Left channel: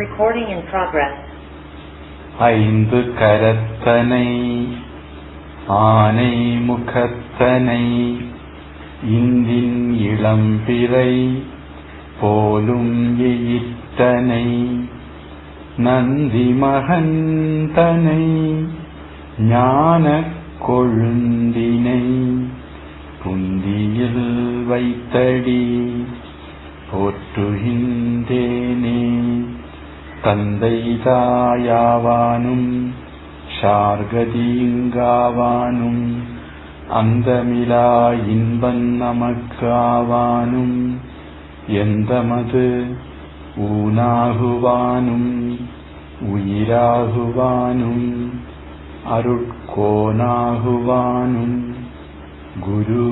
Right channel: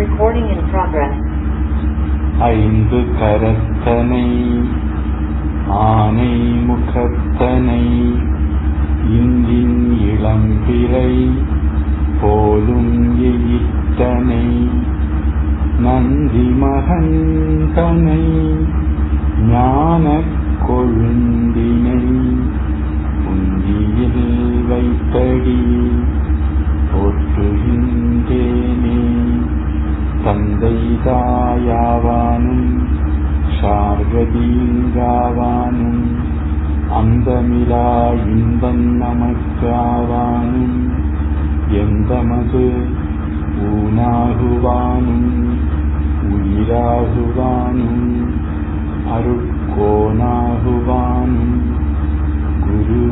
Recording in progress. ஐந்து கரத்தனை ஆனை முகத்தனை இந்தின் இளம்பிறை போலும் எயித்தனை நந்தி மகந்தனை ஞான கொழுந்தினை உந்தியில் வைத்தடி போற்றுகின்றேனே. தந்தை தாயாவானும் ஷார்கதீங்காவானும் அந்தமிலா இன்பன் நமக்காவானும் எந்தமது ஊனாகுவானும் உயிராகுவானும் அருட்கோனாகுவானும் குரு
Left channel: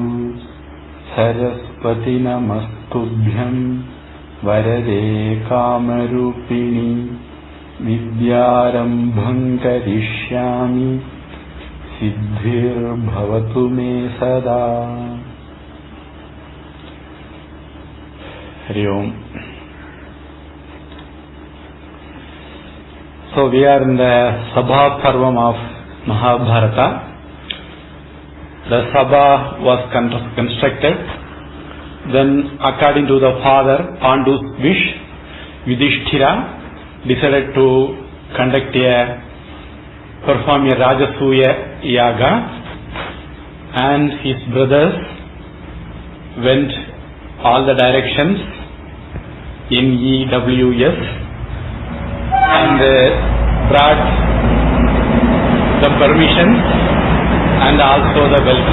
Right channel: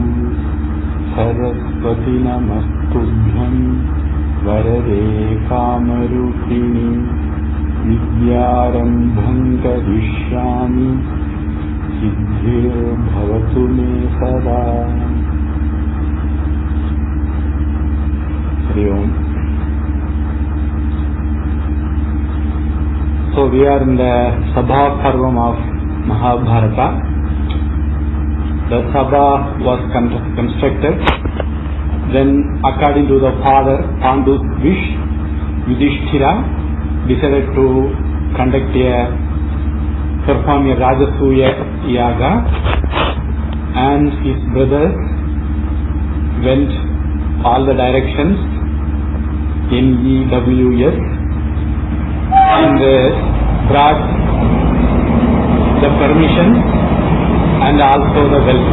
சரஸ்வதி நமஸ்துभ्यं வரதே காமரூபிணி வித்யாரம்பம் கரிஷ்யாமி சித்திர்பவது மே சதா. Hari Om. So we are in the Sabha Parvam of Mahabharata. The Sabha was constructed. Then, according to the father Pandu's wish, Yudhishthira decided to perform a Rajasuya yaga, and his brothers went all the directions, NEWS, and brought the permission and also the wealth.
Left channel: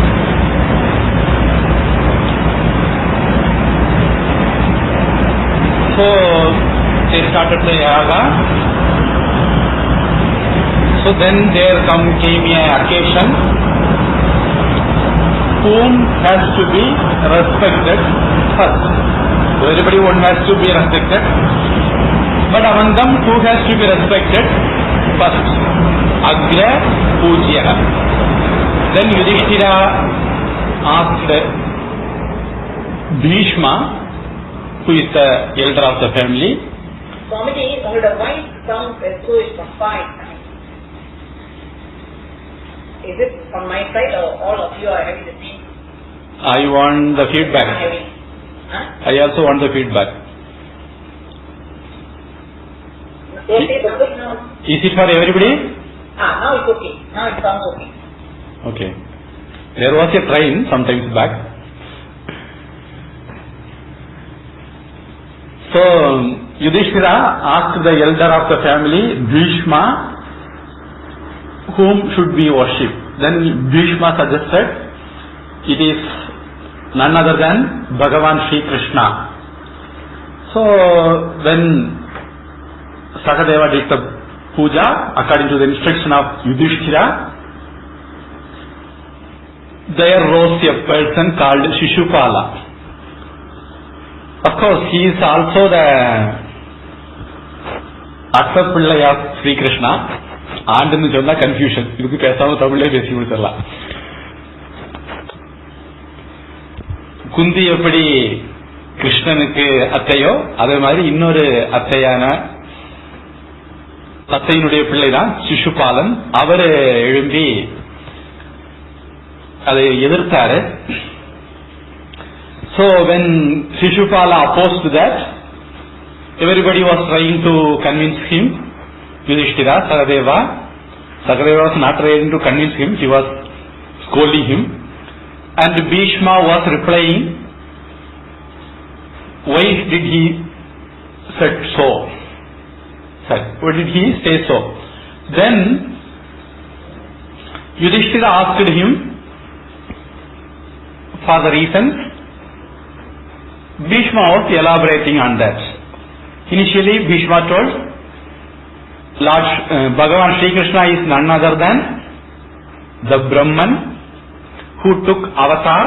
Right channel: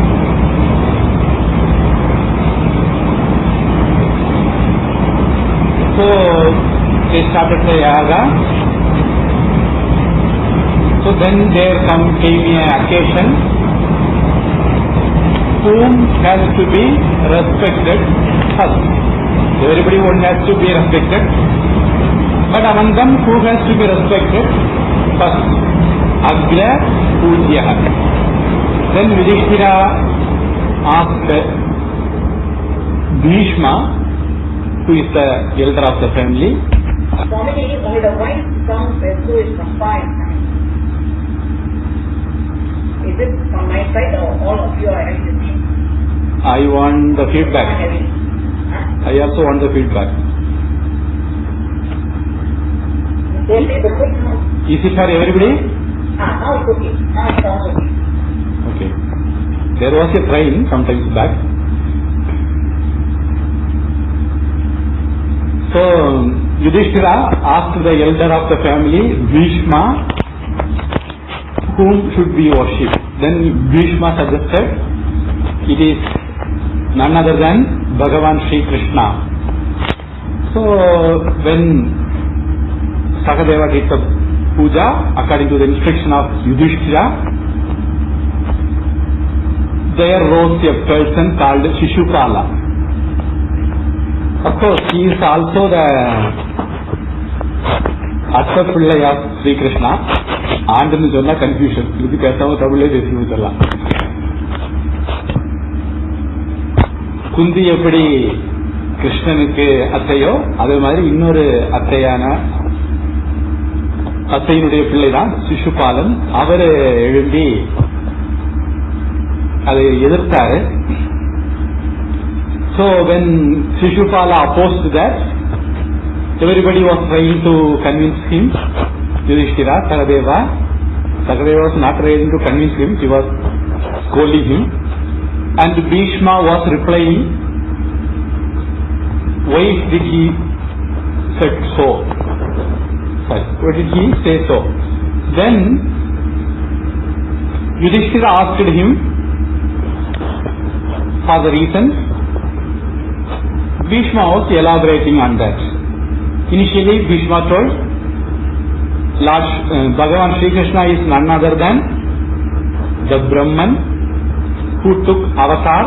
So they started the yaga. So then there came an occasion whom has to be respected first. So everybody one has to be respected, but among them who has to be respected first? Agya Pujya. Then Yudhishthira asked Bhishma, who is the elder of the family. Swamiji, the voice sounds as though it's from fine. Is it from my side or all of you are having the same? I want the feedback. I also want the feedback. Is it for everybody? Now it's okay. Now it sounds okay. Okay. There was a train sometimes back. So Yudhishthira asked the elder of the family, Bhishma, whom should we worship? Then Bhishma suggested it is none other than Bhagavan Sri Krishna. So when Sakadeva did the puja according to the instruction of Yudhishthira, there rose a person called Shishupala. Of course, he is also the Attapillai of Sri Krishna. And in the confusion, you can say Tamil Vesivutala. Kundi எப்படி கிருஷ்ணனுக்கு அத்தையோ அதே மாதிரி இன்னொரு அத்தையினுடைய பிள்ளைதான் சிசுபாலன். அவரு எழும்பி அதை எதிர்த்தாரு. So when Shishupala opposed that, everybody was trying to convince him. Yudhishthira, Sakadeva was not trying to convince him, he was scolding him. And Bhishma was replying, why did he say so? Why did he say so? Then Yudhishthira asked him for the reasons. Bhishma was elaborating on that. Initially Bhishma told Lord Bhagavan Sri Krishna is none other than the Brahman who took avatar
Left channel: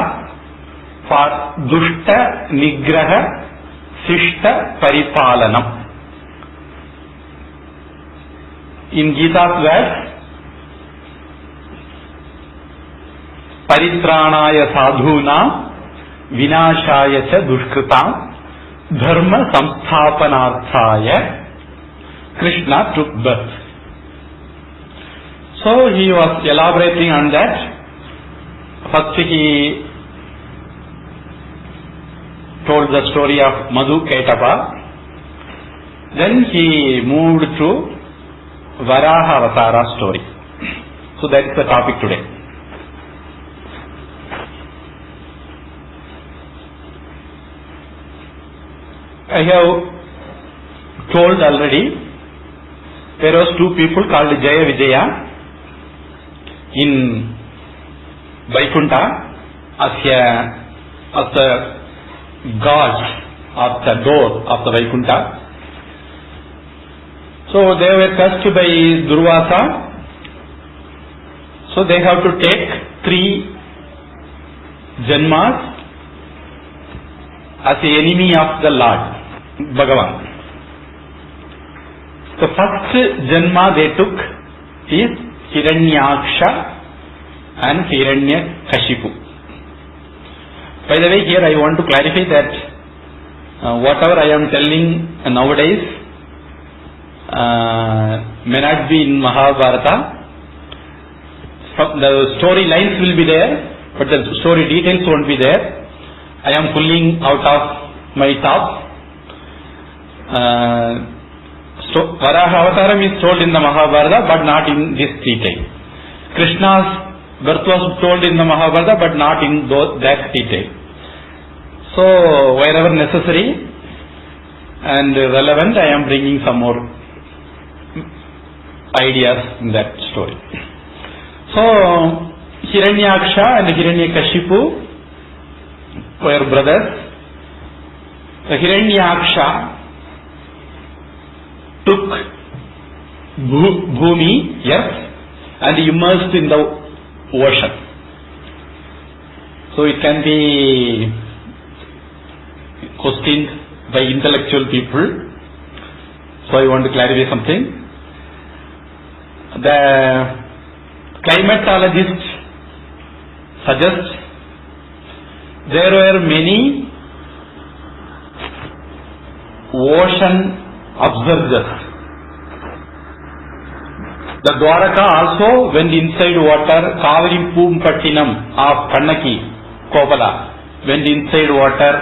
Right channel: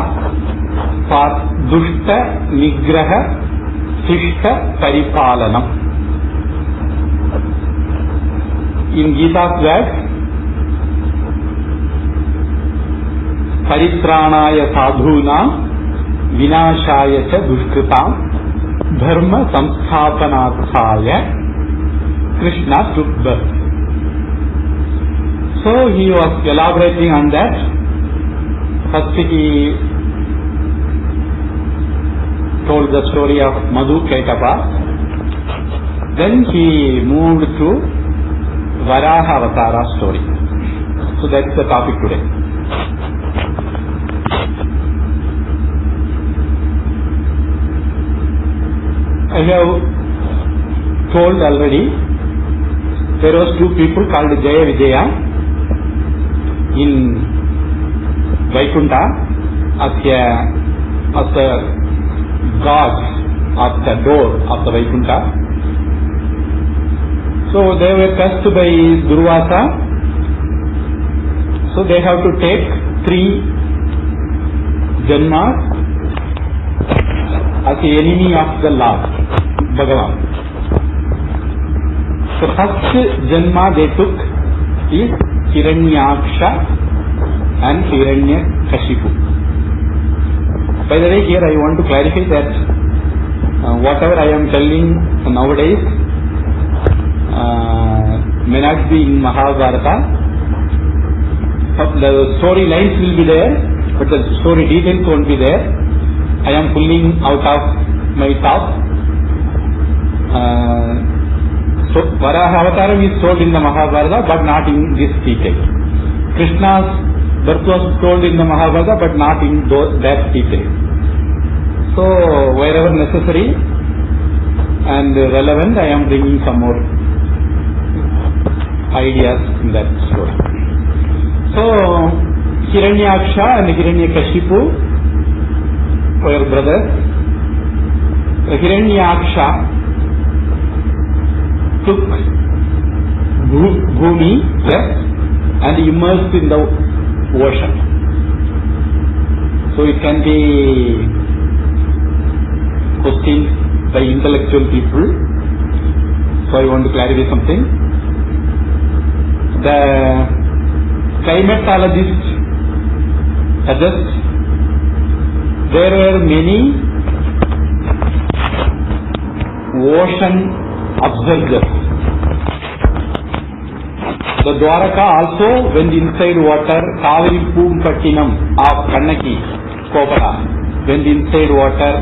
for Dushta Nigraha Sishta Paripalanam. In Gita's verse, Paritranaya sadhuna vinashaya cha dushkrita dharma samsthapanarthaya Krishna took birth. So he was elaborating on that. First he told the story of Madhu Ketapa. Then he moved to Varaha Avatara story. So that's the topic today. I have told already, there was two people called Jaya Vijaya in Vaikuntha as the god of the door of the Vaikuntha. So they were cursed by Durvasa. So they have to take 3 janmas as the enemy of the Lord Bhagavan. So first janma they took is hiraṇyākṣa and hiraṇyākṣa. By the way, here I want to clarify that whatever I am telling nowadays may not be in Mahabharata. The story lines will be there, but the story details won't be there. I am pulling out of my top. Varaha Avataram is told in the Mahabharata, but not in this detail. Krishna's birth was told in the Mahabharata, but not in that detail. So wherever necessary and relevant, I am bringing some more ideas in that story. So hiraṇyākṣa and hiraṇyākṣa were brothers. The hiraṇyākṣa took bhumi, yes, and immersed in the ocean. So it can be questioned by intellectual people. So I want to clarify something. The climatologists suggest there were many ocean observers. The Dwaraka also went inside water. Kaveri Poompattinam of Kannaki, Kopala, went inside water.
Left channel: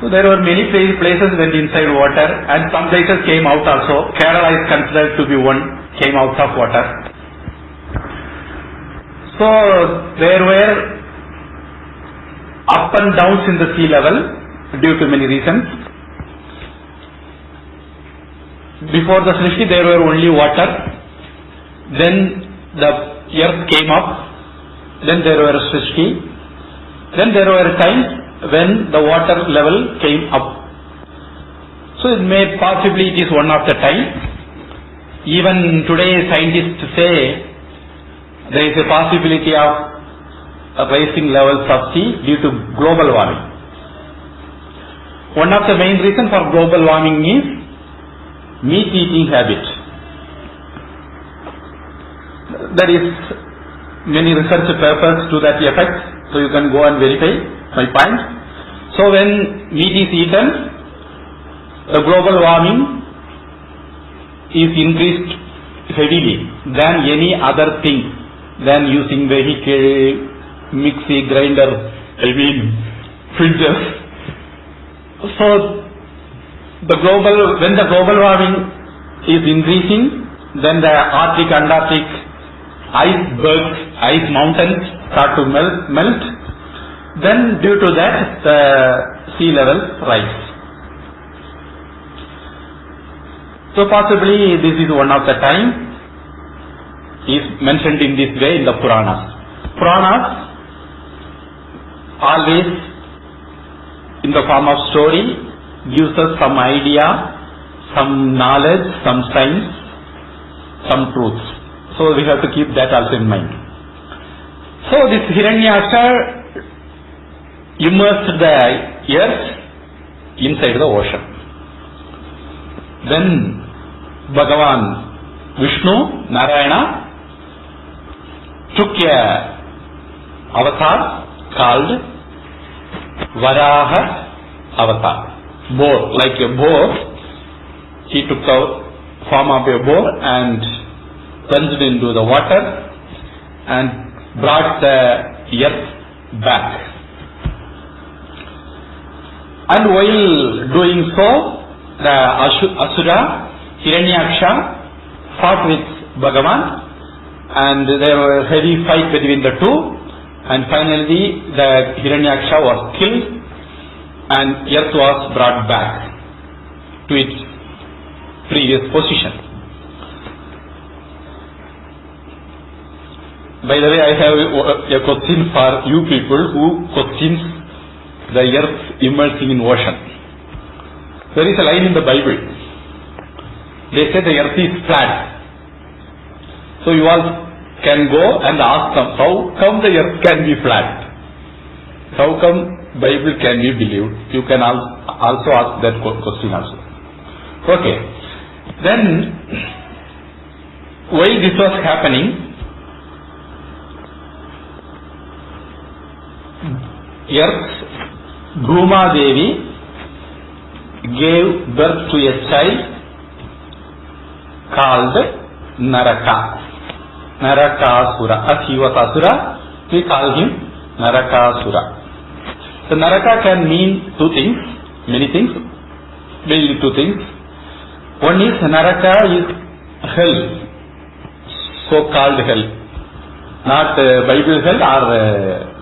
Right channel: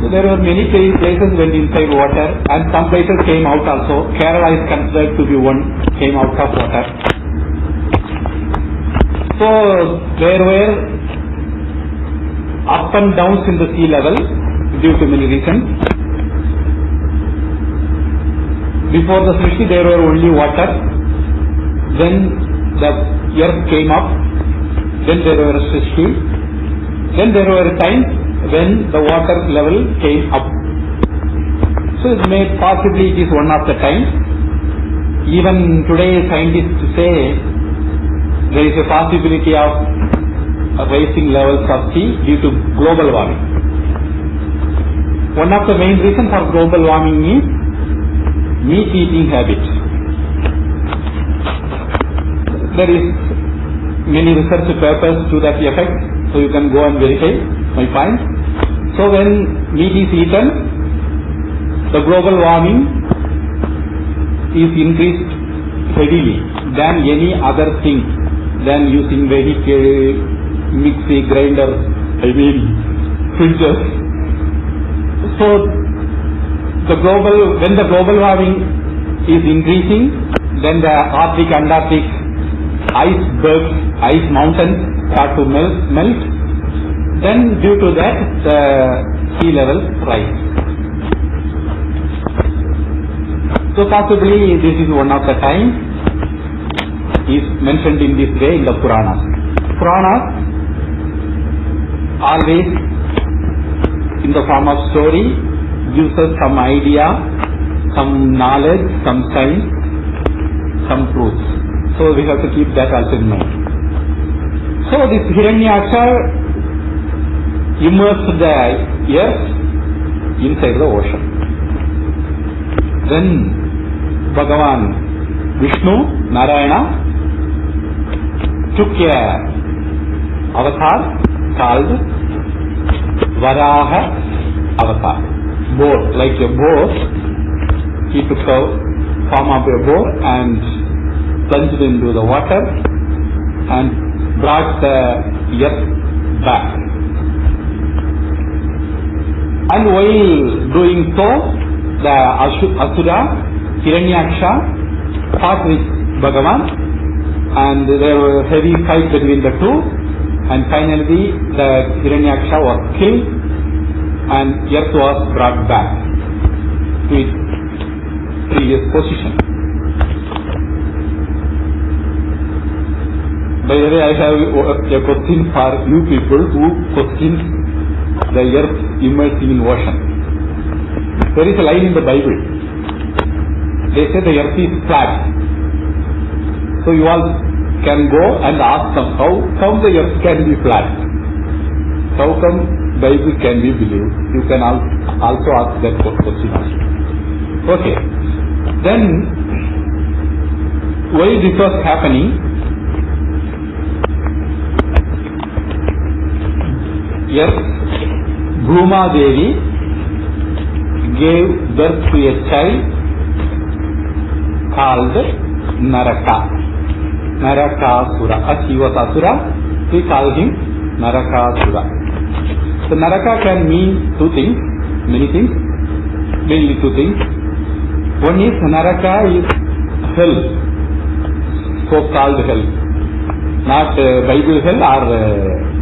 So there were many places went inside water, and some places came out also. Kerala is considered to be one, came out of water. So there were up and downs in the sea level due to many reasons. Before the Srishti there were only water, then the earth came up, then there were Srishti, then there were times when the water level came up. So it may possibly it is one of the time. Even today scientists say there is a possibility of rising levels of sea due to global warming. One of the main reasons for global warming is meat eating habit. There is many research papers to that effect, so you can go and verify my point. So when meat is eaten, the global warming is increased heavily than any other thing, than using vehicle, mixie, grinder, printers. So when the global warming is increasing, then the Arctic, Antarctic, icebergs, ice mountains start to melt. Then due to that, the sea levels rise. So possibly this is one of the time is mentioned in this way in the Puranas. Puranas always in the form of story gives us some idea, some knowledge, some science, some truths. So we have to keep that also in mind. So this hiraṇyākṣa immersed the earth inside the ocean. Then Bhagavan Vishnu, Narayana, took a avatar called Varaha avatar. Boar, like a boar, he took the form of a boar and plunged into the water and brought the earth back. And while doing so, the asura hiraṇyākṣa fought with Bhagavan, and there was a heavy fight between the two, and finally the hiraṇyākṣa was killed and earth was brought back to its previous position. By the way, I have a question for you people who questions the earth immersing in ocean. There is a line in the Bible. They say the earth is flat. So you all can go and ask them, how come the earth can be flat? How come Bible can be believed? You can also ask that question also. Okay. Then, while this was happening, earth, Bhuma Devi gave birth to a child called Naraka. Narakāsura. As he was asura, we call him Narakāsura. So Naraka can mean two things, many things, mainly two things. One is Naraka is hell, so-called hell, not Bible hell or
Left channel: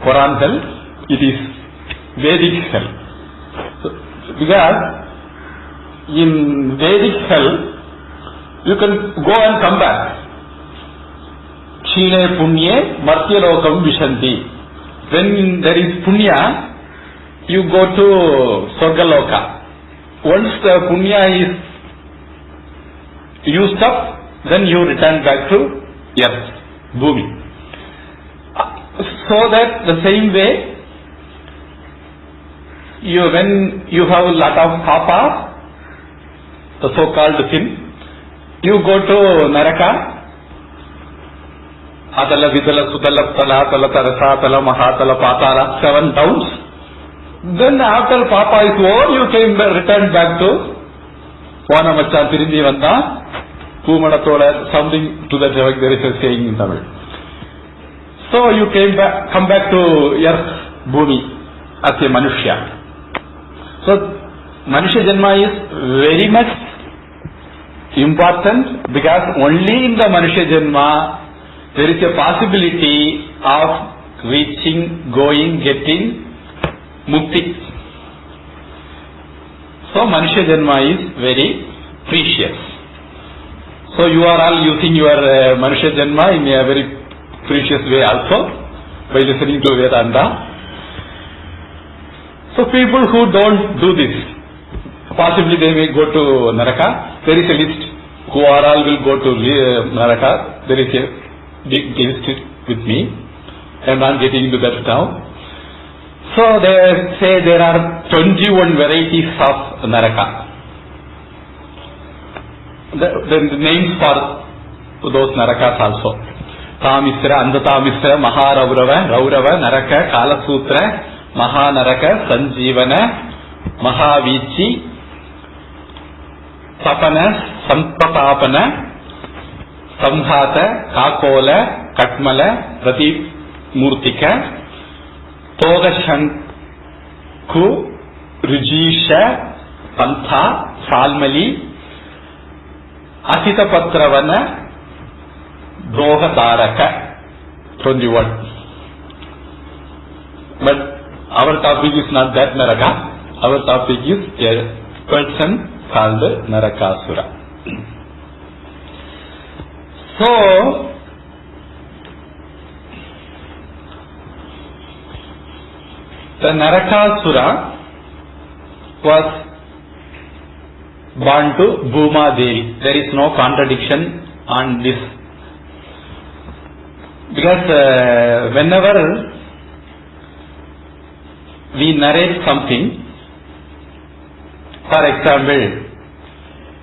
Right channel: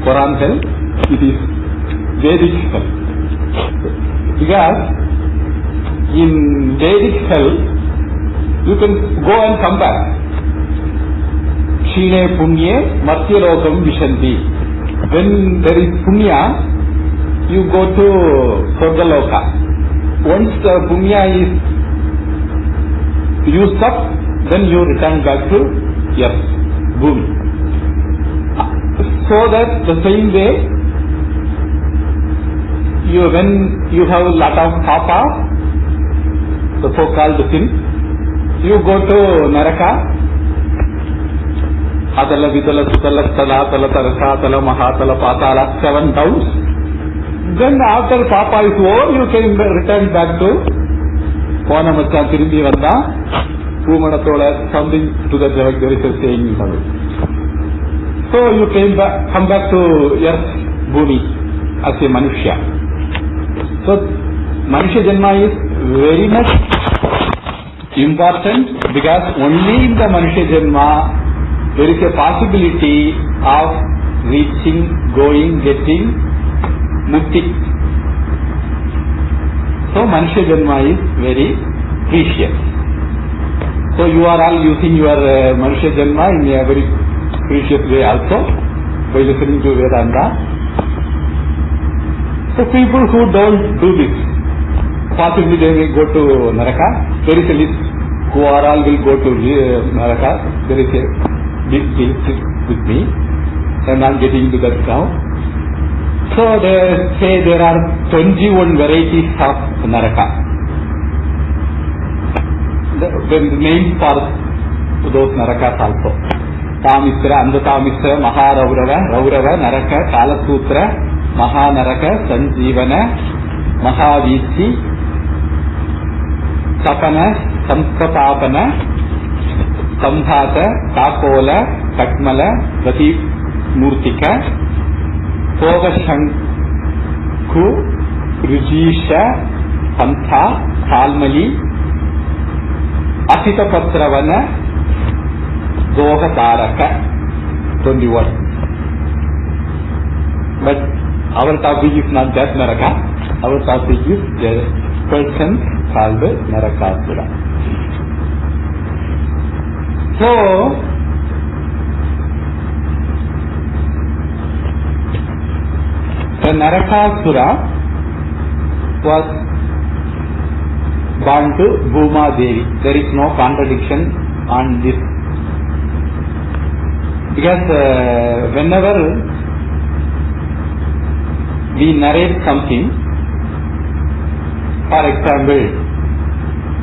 Quran hell. It is Vedic hell. So, because in Vedic hell, you can go and come back. Kshine punye matyalokam vishanti. When there is punya, you go to Swargaloka. Once the punya is used up, then you return back to earth, bhumi. So that the same way, when you have a lot of papas, the so-called sin, you go to Naraka, Adala, Vidala, Sutala, Tala, Tala, Tarasa, Tala, Mahatala, Pātāla, 7 towns. Then after Papa is over, you can return back to Vanamacha Tirindi Vanda, Pumanatola, something to that effect. There is a saying in Tamil. So you come back to earth, Bhumi, as a Manushya. So Manushya Janma is very much important, because only in the Manushya Janma there is a possibility of reaching, going, getting Mukti. So Manushya Janma is very precious. So you are all using your Manushya Janma in a very precious way also by listening to Vedanta. So people who don't do this, possibly they may go to Naraka. There is a list who are all will go to Naraka. There is a big list with me. I am not getting into that now. So they say there are 21 varieties of Naraka. The names for those Narakas also. Tamisra, Andatamisra, Mahāraurava, Raurava, Naraka, Kalasutra, Mahānaraka, Sanjīvana, Mahāviṣṇu, Tapana, Sampratapana, Samhata, Kakola, Katmala, Pratimurtika, Togashanku, Rujisha, Pantha, Salmali, Asitapatravana, Dohataraka, 21. But our topic is not that Naraka. Our topic is a person called Narakāsura. So, the Narakāsura was born to Bhuma Devi. There is no contradiction on this. Because whenever we narrate something, for example,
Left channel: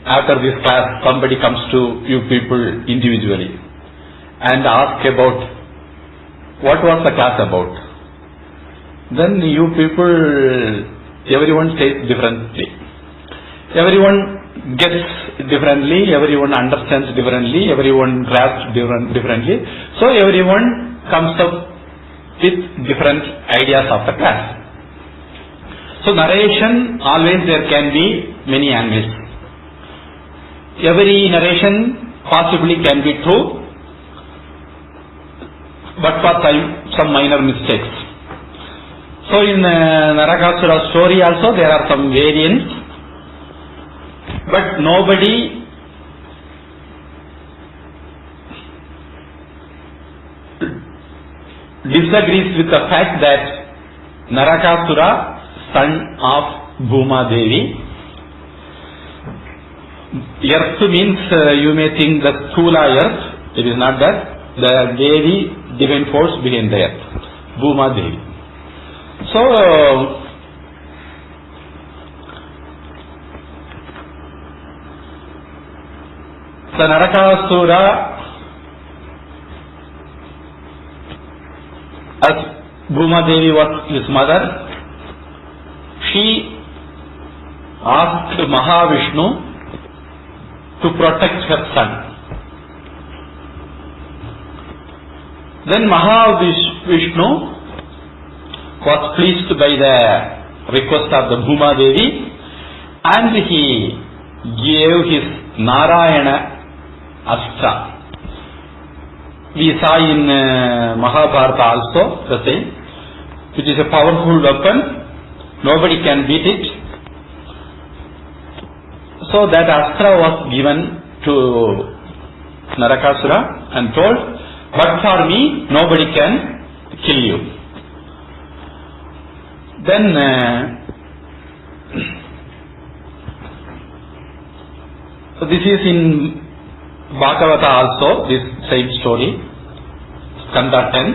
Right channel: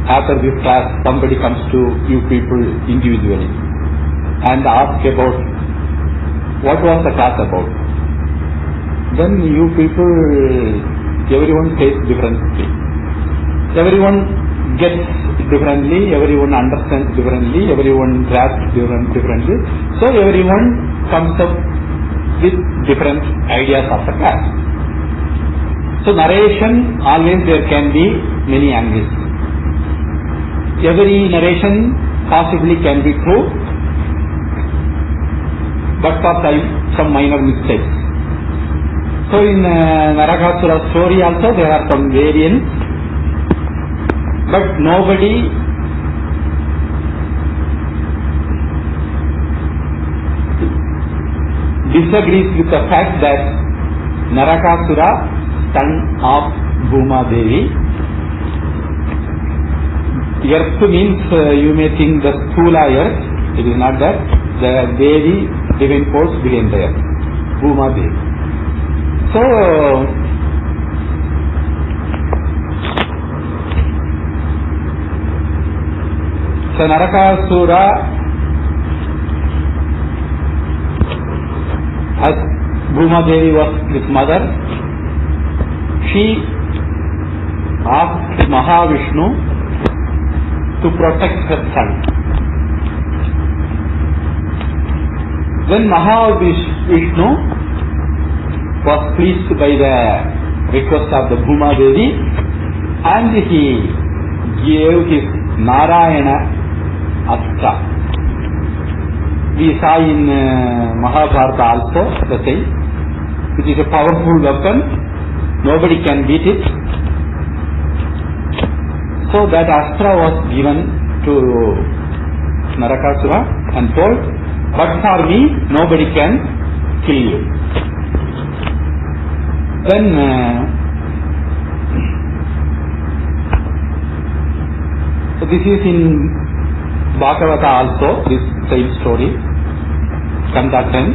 after this class somebody comes to you people individually and ask about what was the class about? Then you people, everyone says differently. Everyone gets differently, everyone understands differently, everyone grasps differently. So everyone comes up with different ideas of the class. So narration, always there can be many angles. Every narration possibly can be true, but for some minor mistakes. So in Narakāsura story also there are some variants, but nobody disagrees with the fact that Narakāsura, son of Bhuma Devi. Earth means you may think the Sthula earth. It is not that. The Devi, divine force behind the earth, Bhuma Devi. So Narakāsura, as Bhuma Devi was his mother, she asked Mahāviṣṇu to protect her son. Then Mahāviṣṇu was pleased by the request of the Bhuma Devi, and he gave his Narayana asura. We saw in Mahabharata also the same, which is a powerful weapon. Nobody can beat it. So that astra was given to Narakāsura and told, but for me nobody can kill you. Then so this is in Bhagavata also, this same story, Skanda 10.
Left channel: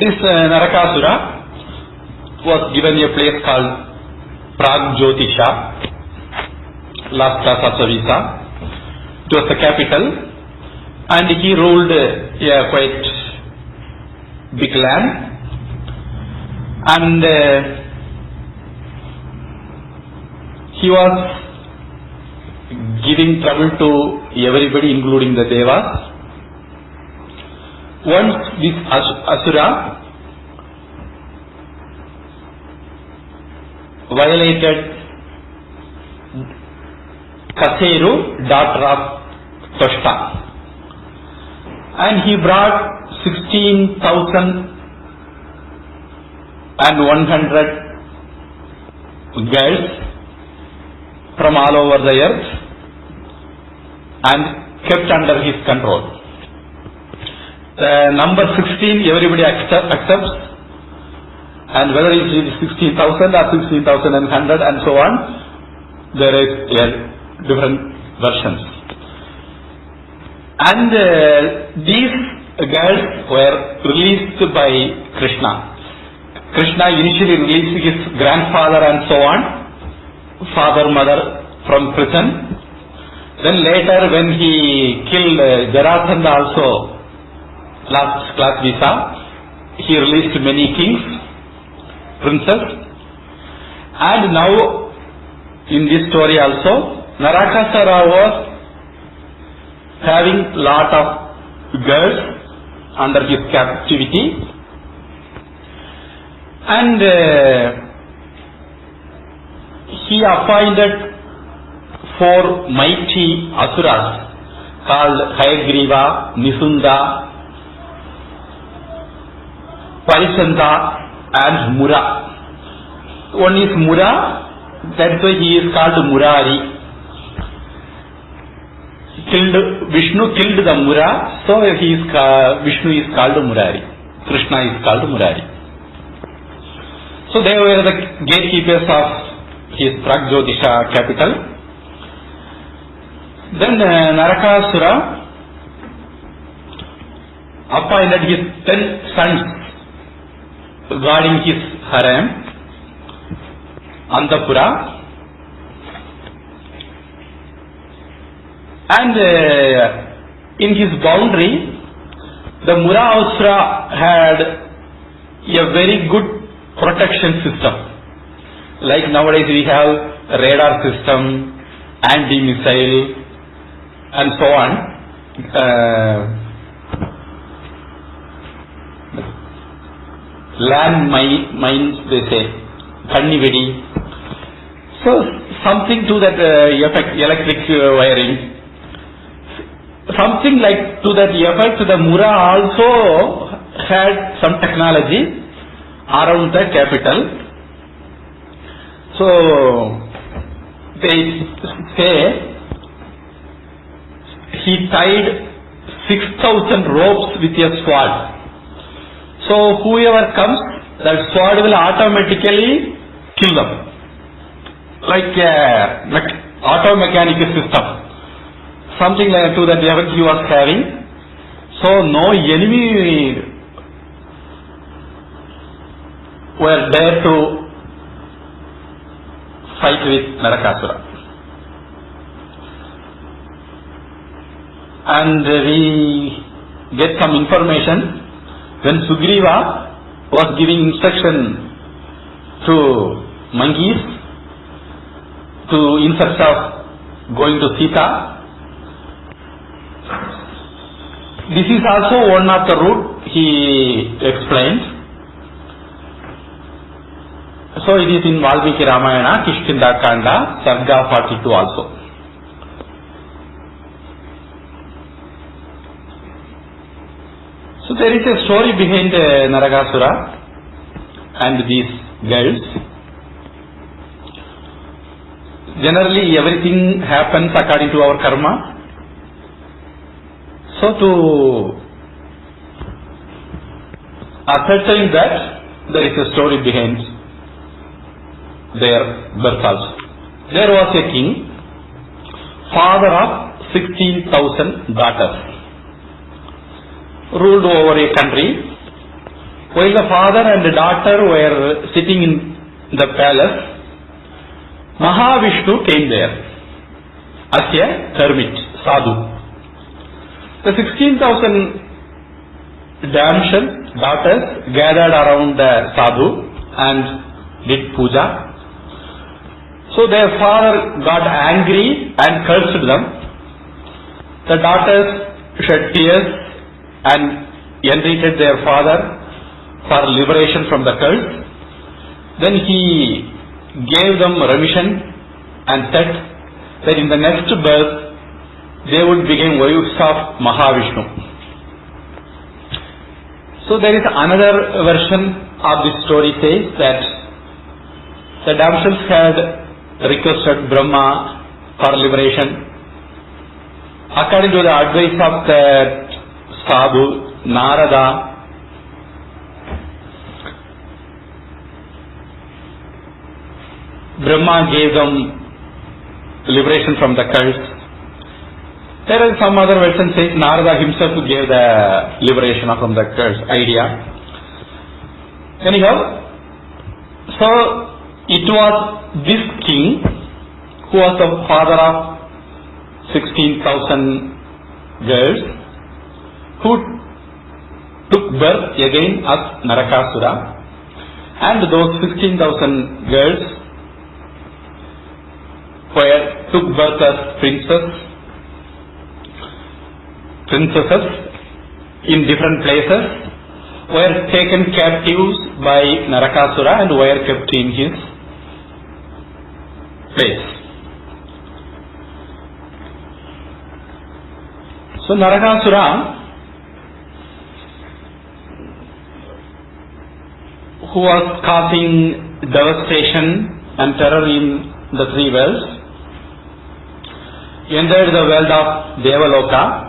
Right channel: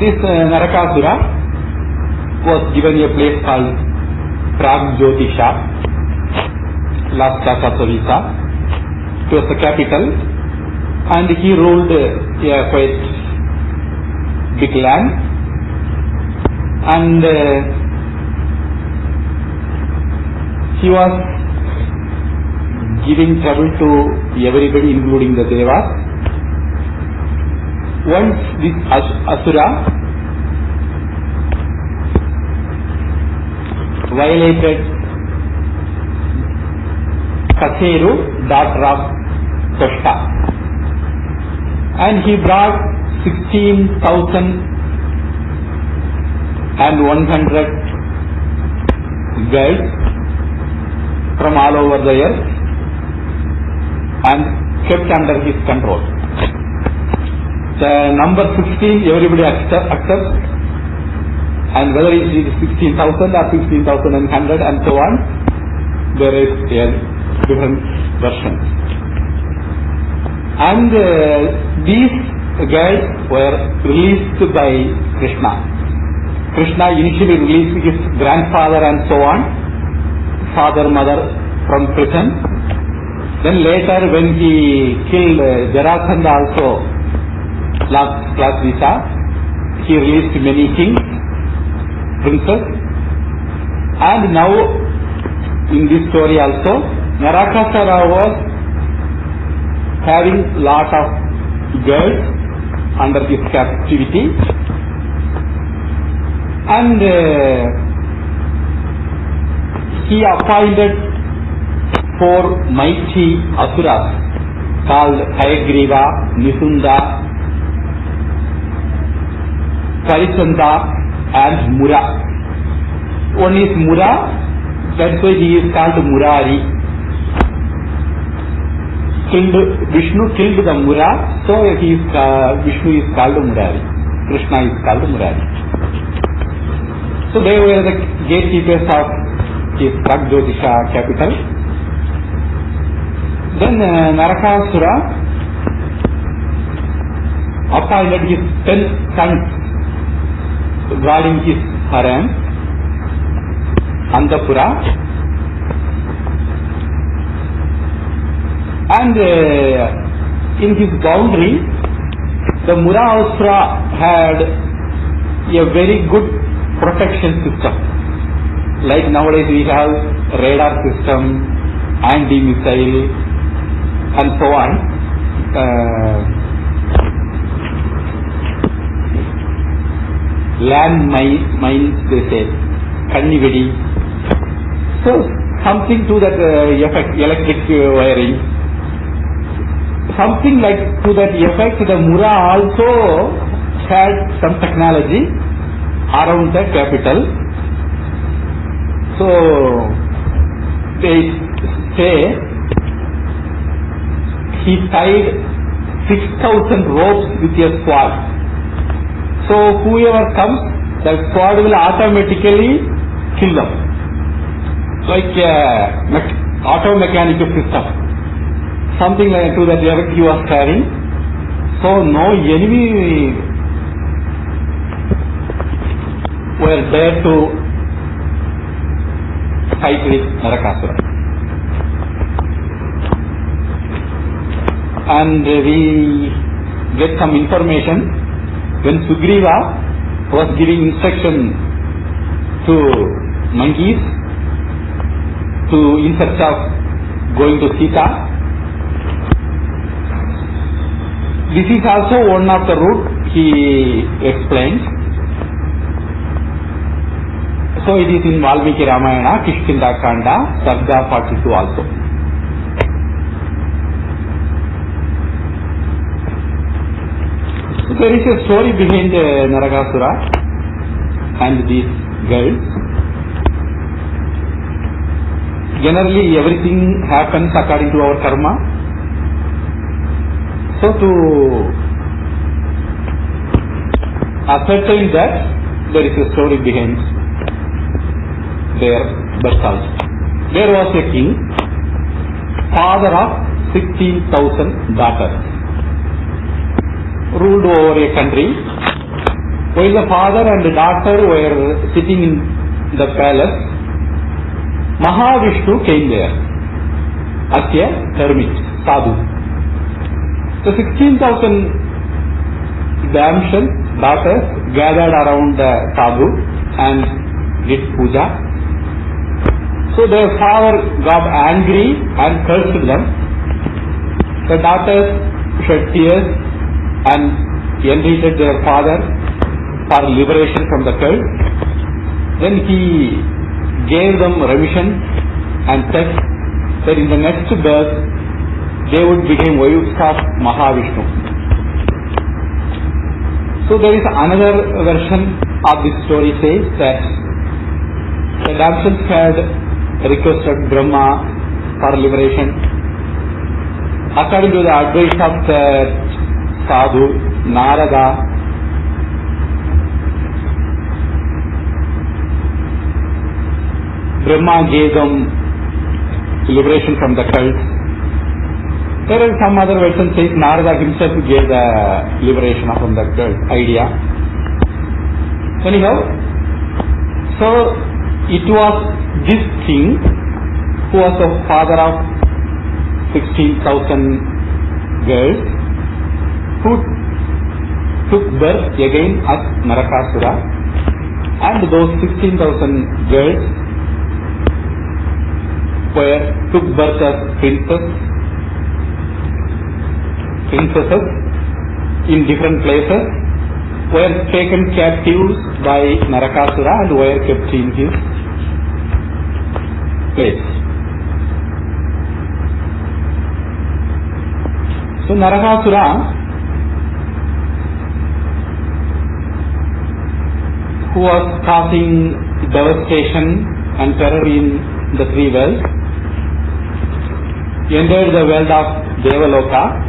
This Narakāsura was given a place called Pragjyotisha, last class of Savisa. It was the capital, and he ruled a quite big land, and he was giving trouble to everybody, including the Devas. Once this asura violated Kaseru, daughter of Toshta, and he brought 16,100 girls from all over the earth and kept under his control. The number 16 everybody accepts, and whether it is 16,000 or 16,100 and so on, there is different versions. And these girls were released by Krishna. Krishna initially released his grandfather and so on, father, mother from prison. Then later when he killed Jarasandha also, last class we saw, he released many kings, princes. And now in this story also, Narakāsura was having lot of girls under his captivity, and he appointed 4 mighty asuras called Hayagriva, Nisunda, Parisanda and Mura. One is Mura, that's why he is called Murari. Vishnu killed the Mura, so Vishnu is called Murari. Krishna is called Murari. So they were the gatekeepers of his Pragjyotisha capital. Then Narakāsura appointed his 10 sons guarding his harem, Antapura, and in his boundary, the Mahāviṣṇu had a very good protection system. Like nowadays we have radar system, anti-missile and so on. Land mines, they say, kannivedi. So something to that effect, electric wiring. Something like to that effect, the Mura also had some technology around the capital. So they say he tied 6,000 ropes with a sword. So whoever comes, that sword will automatically kill them, like a auto mechanic system. Something like to that level he was having. So no enemy were there to fight with Narakāsura. And we get some information when Sugriva was giving instruction to monkeys in search of going to Sita. This is also one of the route he explains. So it is in Valmiki Ramayana, Kishkinda Kanda, Sarga 42 also. So there is a story behind Narakāsura and these girls. Generally everything happens according to our karma. So to ascertain that, there is a story behind their birth also. There was a king, father of 16,000 daughters, ruled over a country. While the father and the daughter were sitting in the palace, Mahāviṣṇu came there as a hermit, sadhu. The 16,000 daughters gathered around the sadhu and did puja. So their father got angry and cursed them. The daughters shed tears and entreated their father for liberation from the curse. Then he gave them remission and said that in the next birth they would become wives of Mahāviṣṇu. So there is another version of this story says that the damsels had requested Brahma for liberation. According to the advice of the sadhu Narada, Brahma gave them liberation from the curse. There are some other versions saying Narada himself gave the liberation from the curse idea. Anyhow, so it was this king who was the father of 16,000 girls who took birth again as Narakāsura, and those 16,000 girls took birth as princesses in different places, were taken captives by Narakāsura and were kept in his place. So Narakāsura, who was causing devastation and terror in the three worlds, entered the world of Devaloka,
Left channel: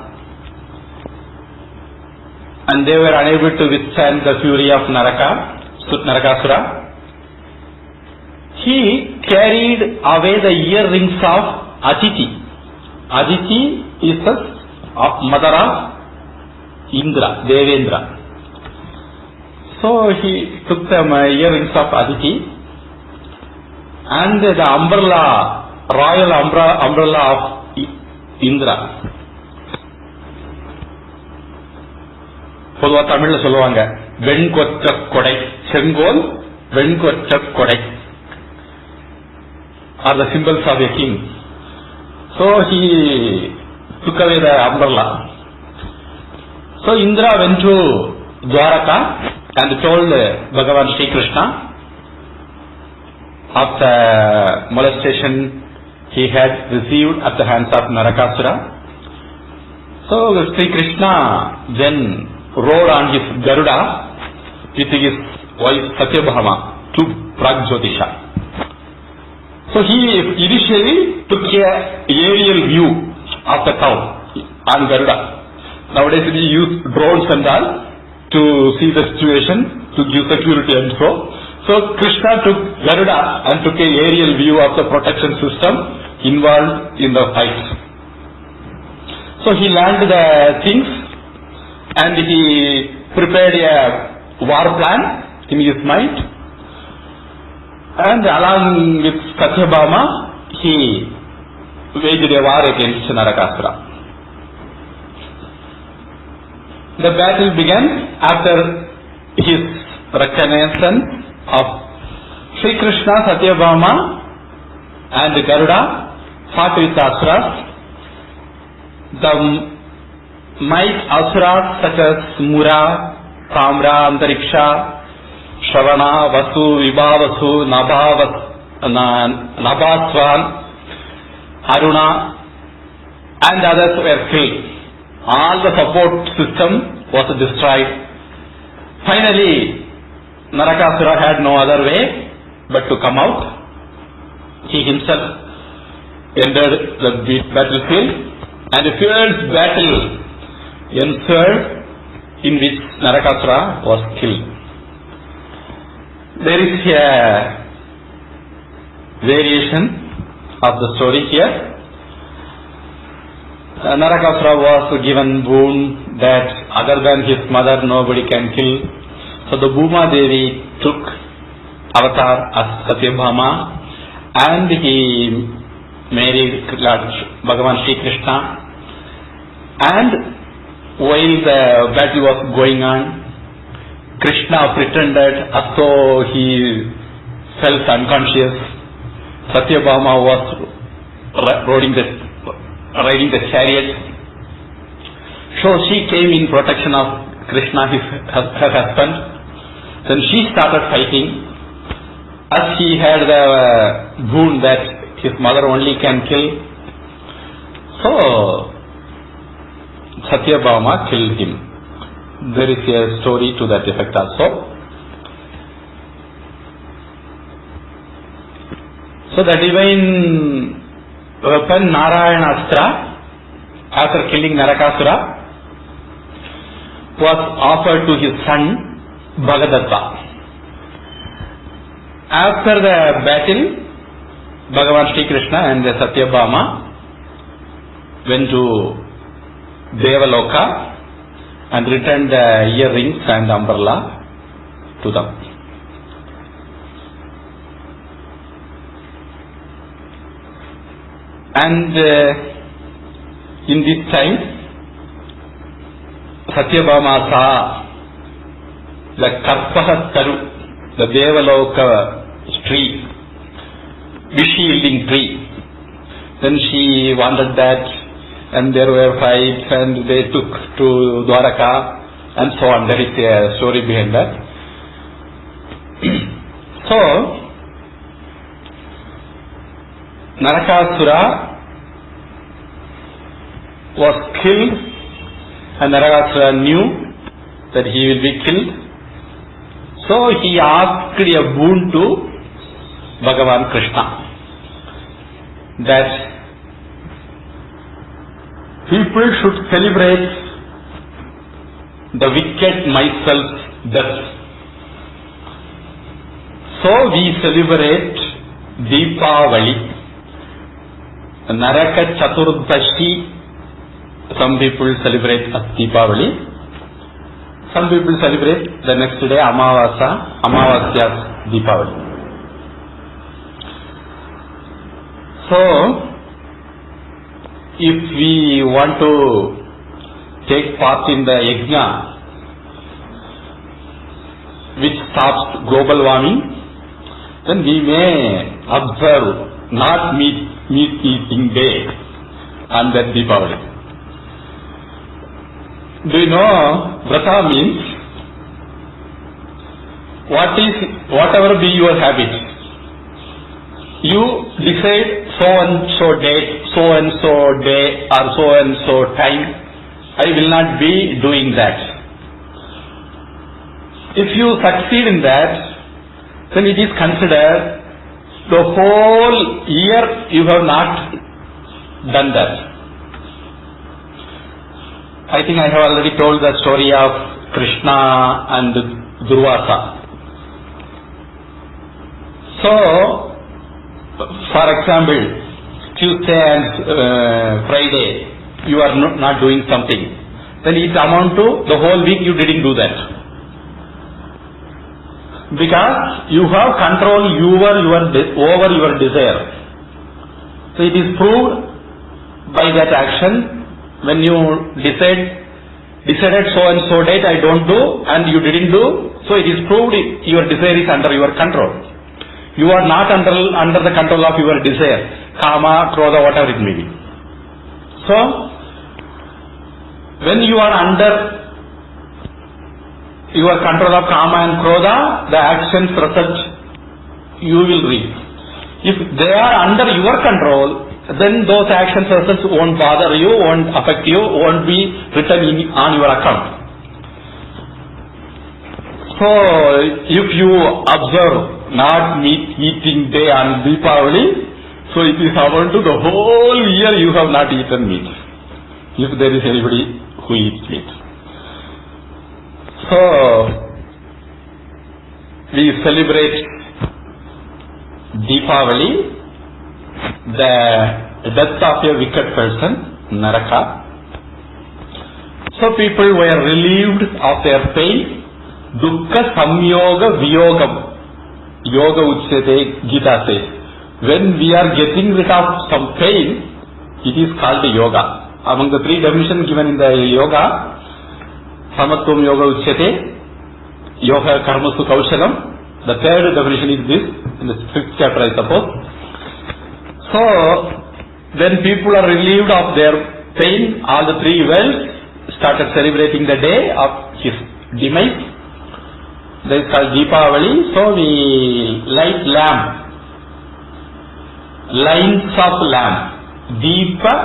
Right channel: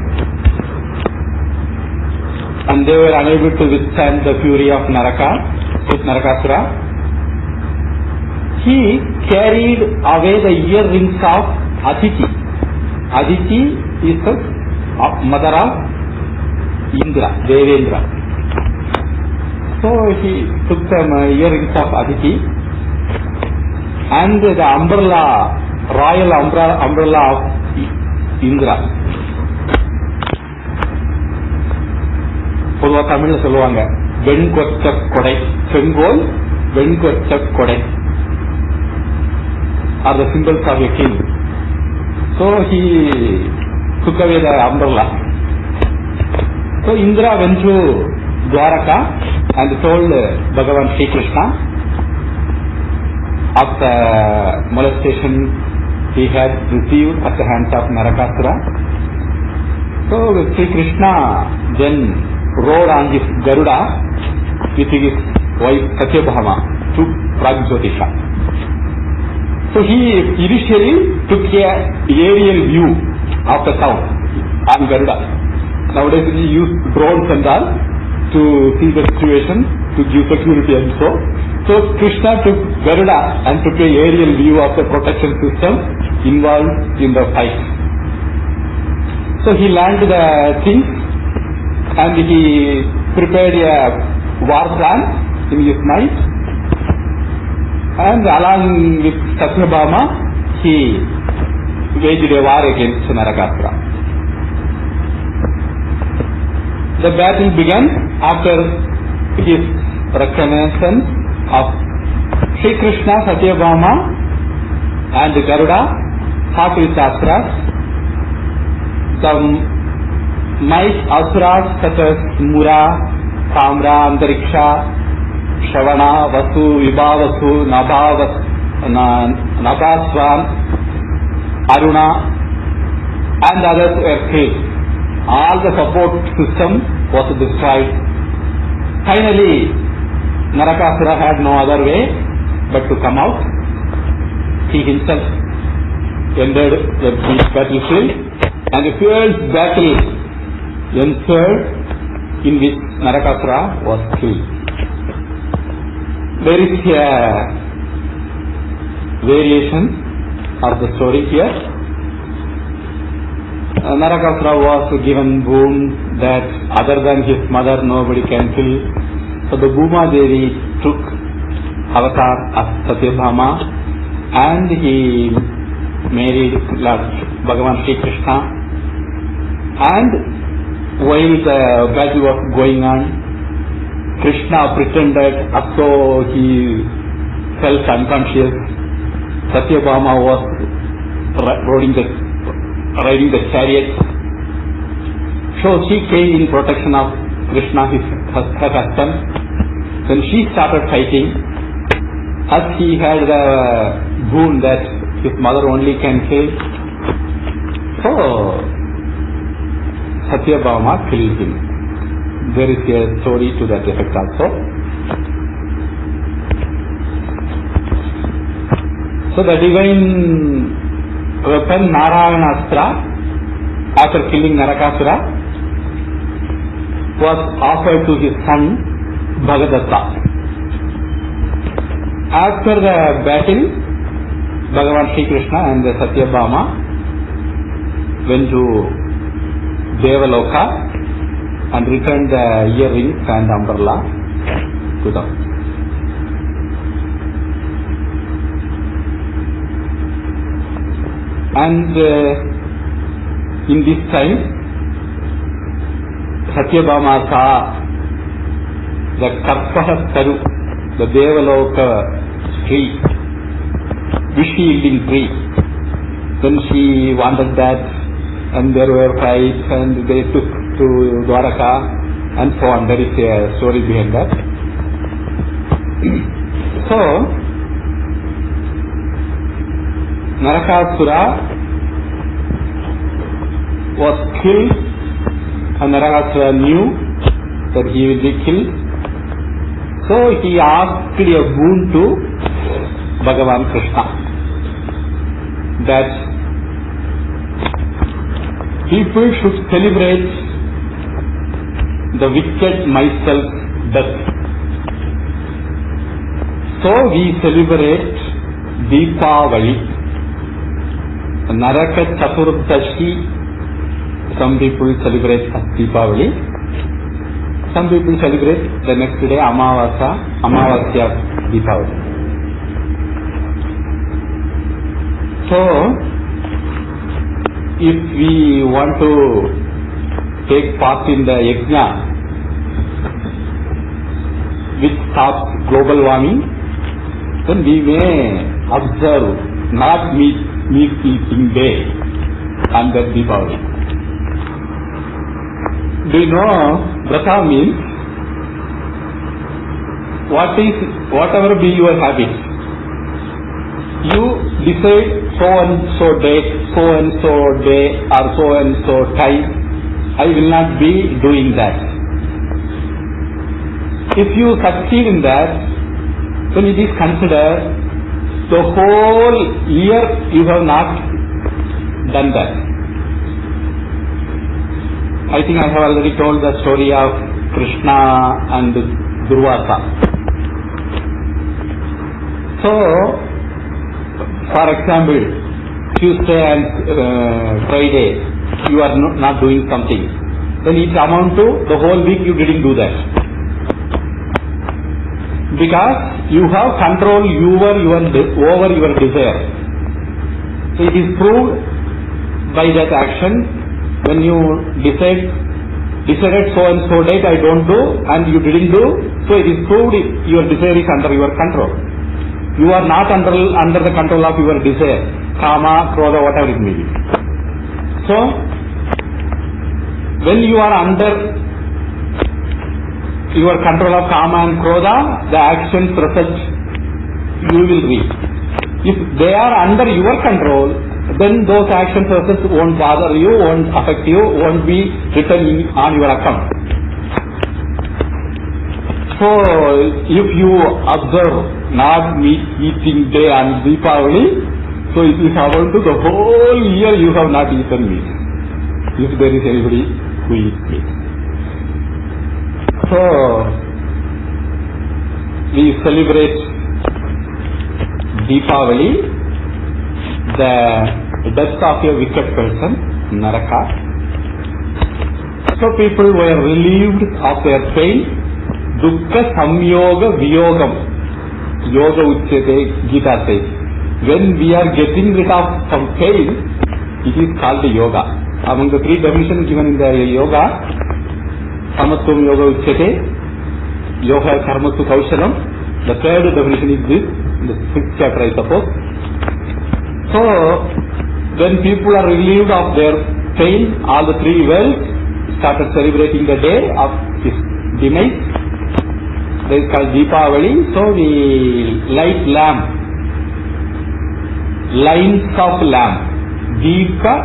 and they were unable to withstand the fury of Narakāsura. He carried away the earrings of Aditi. Aditi is the mother of Indra, Devendra. So he took the earrings of Aditi and the umbrella, royal umbrella of Indra. தமிழ்ல சொல்லுவாங்க, வெண்கொற்ற கொடை, செங்கோல் வெண்கொற்ற கொடை are the symbols of a king. So he took away the umbrella. So Indra went to Dwaraka and told Bhagavan Sri Krishna of the molestation he had received at the hands of Narakāsura. So Sri Krishna then rode on his Garuda with his wife Satyabhama to Pragjyotisha. So he initially took a aerial view of the town on Garuda. Nowadays we use drones and all to see the situation, to give security and so. So Krishna took Garuda and took a aerial view of the protection system involved in the fight. So he learned the things and he prepared a war plan in his mind, and along with Satyabhama he waged a war against Narakāsura. The battle began after his recognition of Sri Krishna, Satyabhama and Garuda fought with asuras. The might asuras such as Mura, Tamra, Antariksha, Shravana, Vasu, Vibhavasu, Nabhaswan, Aruna and others were killed. All the support system was destroyed. Finally, Narakāsura had no other way but to come out. He himself entered the battlefield, and a fierce battle ensued in which Narakāsura was killed. There is a variation of the story here. Narakāsura was given boon that other than his mother nobody can kill. So the Bhuma Devi took avatar as Satyabhama and he married Lord Bhagavan Sri Krishna. And while the battle was going on, Krishna pretended as though he felt unconscious. Satyabhama was riding the chariot. So she came in protection of Krishna, her husband. Then she started fighting. As he had the boon that his mother only can kill, so Satyabhama killed him. There is a story to that effect also. So the divine weapon narakḥ, after killing Narakāsura, was offered to his son Bhagadatta. After the battle, Bhagavan Sri Krishna and Satyabhama went to Devaloka and returned the earrings and umbrella to them. And in this time, Satyabhama saw the Karpahattaru, the Devaloka tree, wish-yielding tree. Then she wanted that, and there were fights, and they took to Dwaraka, and so on. There is a story behind that. So, Narakāsura was killed, and Narakāsura knew that he will be killed. So he asked a boon to Bhagavan Krishna, that people should celebrate the wicked myself's death. So we celebrate Deepavali, Naraka Chaturdashi. Some people celebrate Deepavali. Some people celebrate the next day Amavasya Deepavali. So, if we want to take part in the yajna, which stops global warming, then we may observe not meat eating day on that Deepavali. Do you know Vrata means? Whatever be your habit, you decide so and so day or so and so time, I will not be doing that. If you succeed in that, then it is considered the whole year you have not done that. I think I have already told the story of Krishna and Durvasa. So, for example, Tuesday and Friday you are not doing something, then it amounts to the whole week you didn't do that. Because you have control over your desire. So it is proved by that action. When you decided so and so date I don't do and you didn't do, so it is proved your desire is under your control. You are not under the control of your desire, kama, krodha, whatever it may be. So, when you are under your control of kama and krodha, the actions result you will reap. If they are under your control, then those actions results won't bother you, won't affect you, won't be written on your account. So, if you observe not meat eating day on Deepavali, so it is about to the whole year you have not eaten meat, if there is anybody who eats meat. So, we celebrate Deepavali, the death of a wicked person, Naraka. So people were relieved of their pain. Dukkha samyoga viyogam. Yoga uchyate, Gita says. When we are getting rid of some pain, it is called yoga. Among the three definitions given in the yoga, samatvam yoga uchyate, yoga karmasu kaushalam. The third definition is this, in the 5th chapter I suppose. So, when people are relieved of their pain, all the three worlds started celebrating the day of his demise. That is called Deepavali. So we light lamp, lines of lamp. Deepa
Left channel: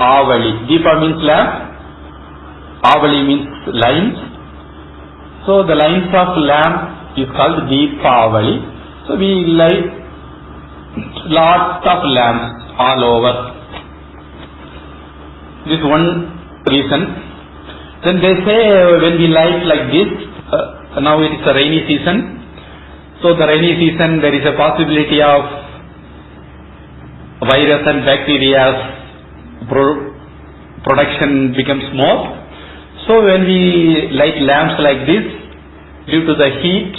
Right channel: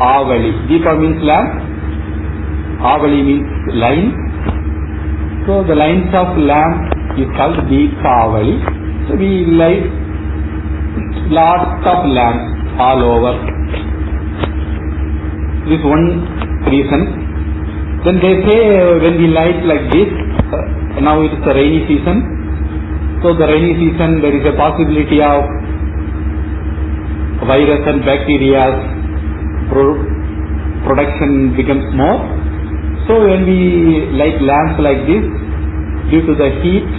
Avali. Deepa means lamp, Avali means lines. So the lines of lamp is called Deepavali. So we light lots of lamps all over. This is one reason. Then they say when we light like this, now it is a rainy season. So the rainy season there is a possibility of virus and bacteria's production becomes more. So when we light lamps like this, due to the heat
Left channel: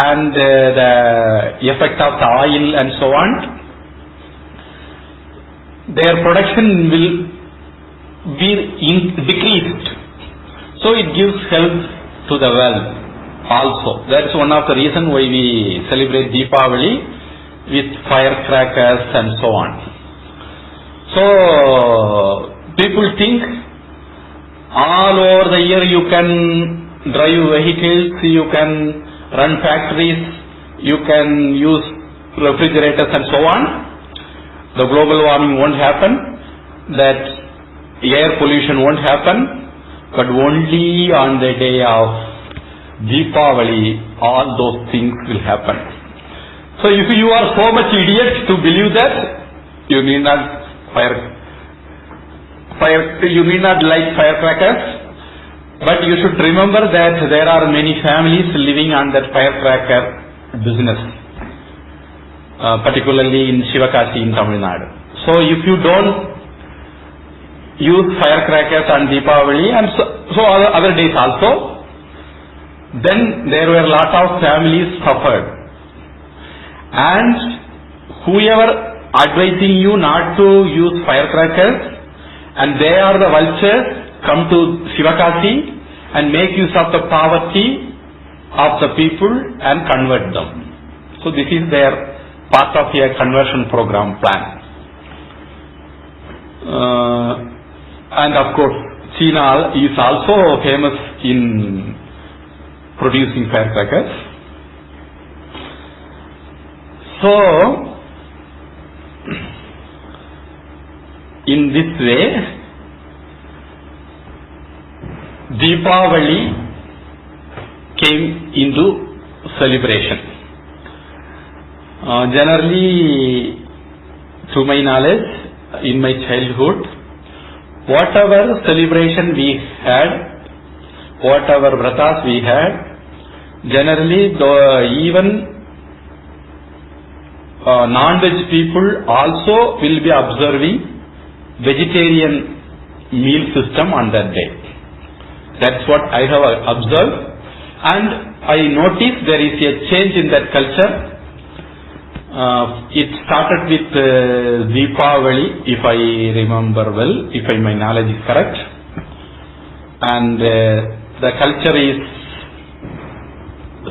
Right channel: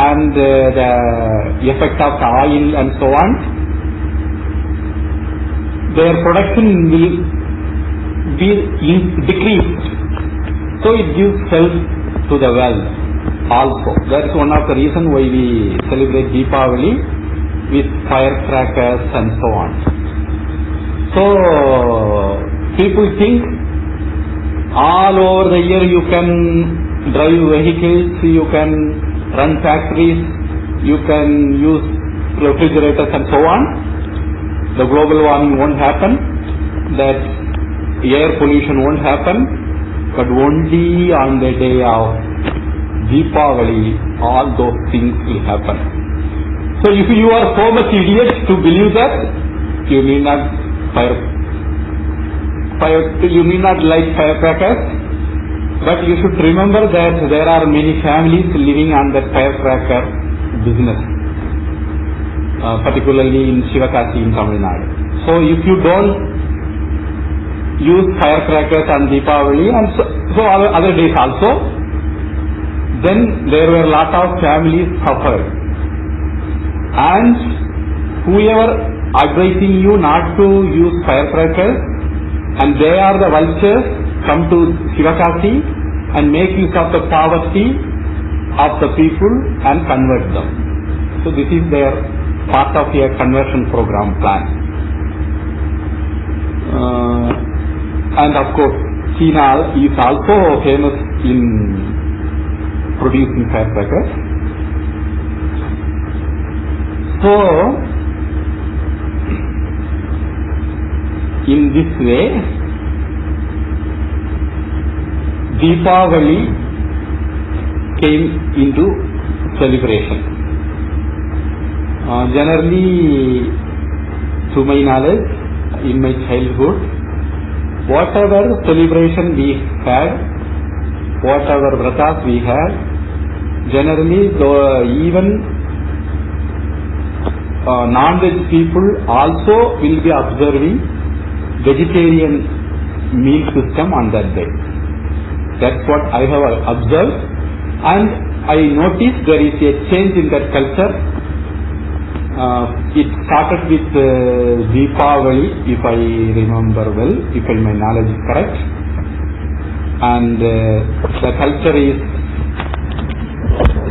and the effect of the oil and so on, their production will be decreased. So it gives help to the wealth also. That's one of the reasons why we celebrate Deepavali with firecrackers and so on. So people think all over the year you can drive vehicles, you can run factories, you can use refrigerators and so on. The global warming won't happen, that air pollution won't happen, but only on the day of Deepavali all those things will happen. So if you are so much idiot to believe that, you need not you need not light firecrackers, but you should remember that there are many families living on that firecracker business, particularly in Shivakasi in Tamil Nadu. So if you don't use firecrackers on Deepavali and so other days also, then there were a lot of families suffered. And whoever advising you not to use firecrackers, and they are the vultures come to Shivakasi and make use of the poverty of the people and convert them. So this is their part of a conversion program plan. And of course, China is also famous in producing firecrackers. So, in this way, Deepavali came into celebration. Generally, to my knowledge, in my childhood, whatever celebration we had, whatever vratas we had, generally even non-veg people also will be observing vegetarian meal system on that day. That's what I have observed, and I noticed there is a change in that culture. It started with Deepavali, if I remember well, if my knowledge is correct, and the culture is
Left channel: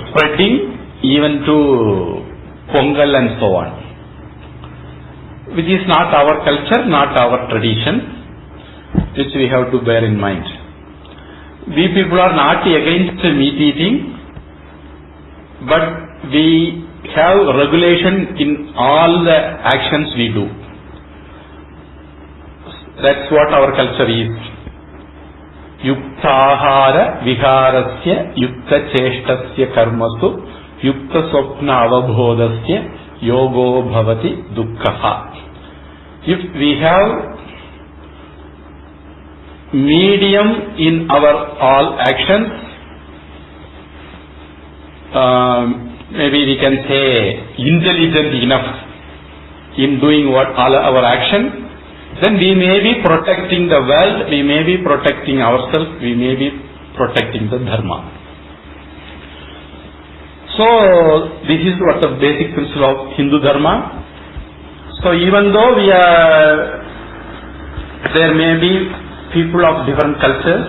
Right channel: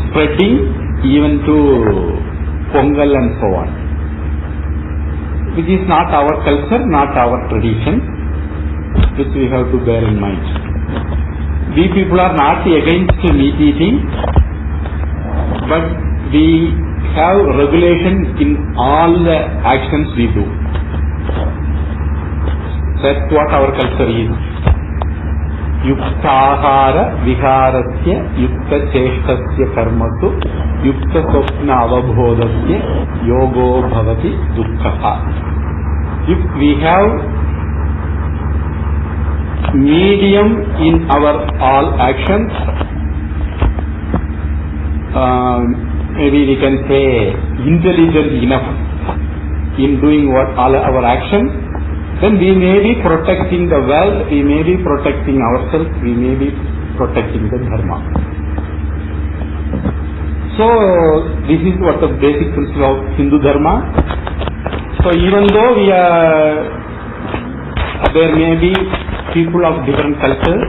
spreading even to Pongal and so on, which is not our culture, not our tradition, which we have to bear in mind. We people are not against meat eating, but we have regulation in all the actions we do. That's what our culture is. Yuktahara viharasya yukta cheshtasya karmasu yukta swapna avabhodasya yogo bhavati dukkha. If we have medium in our all actions, maybe we can say intelligent enough in doing what all our actions, then we may be protecting the world, we may be protecting ourselves, we may be protecting the dharma. So this is what the basic principle of Hindu dharma. So even though there may be people of different cultures,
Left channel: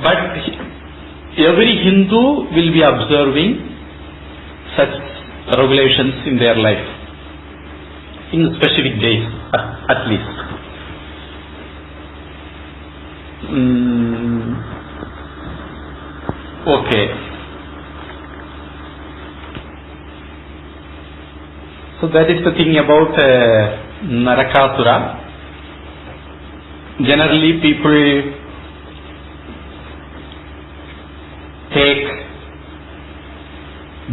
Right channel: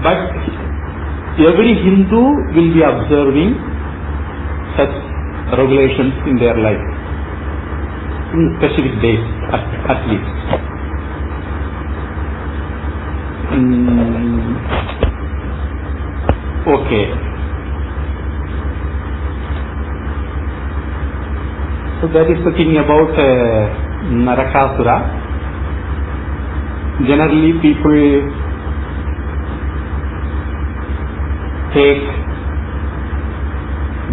but every Hindu will be observing such regulations in their life, in specific days at least. Okay. So that is the thing about Narakāsura. Generally people take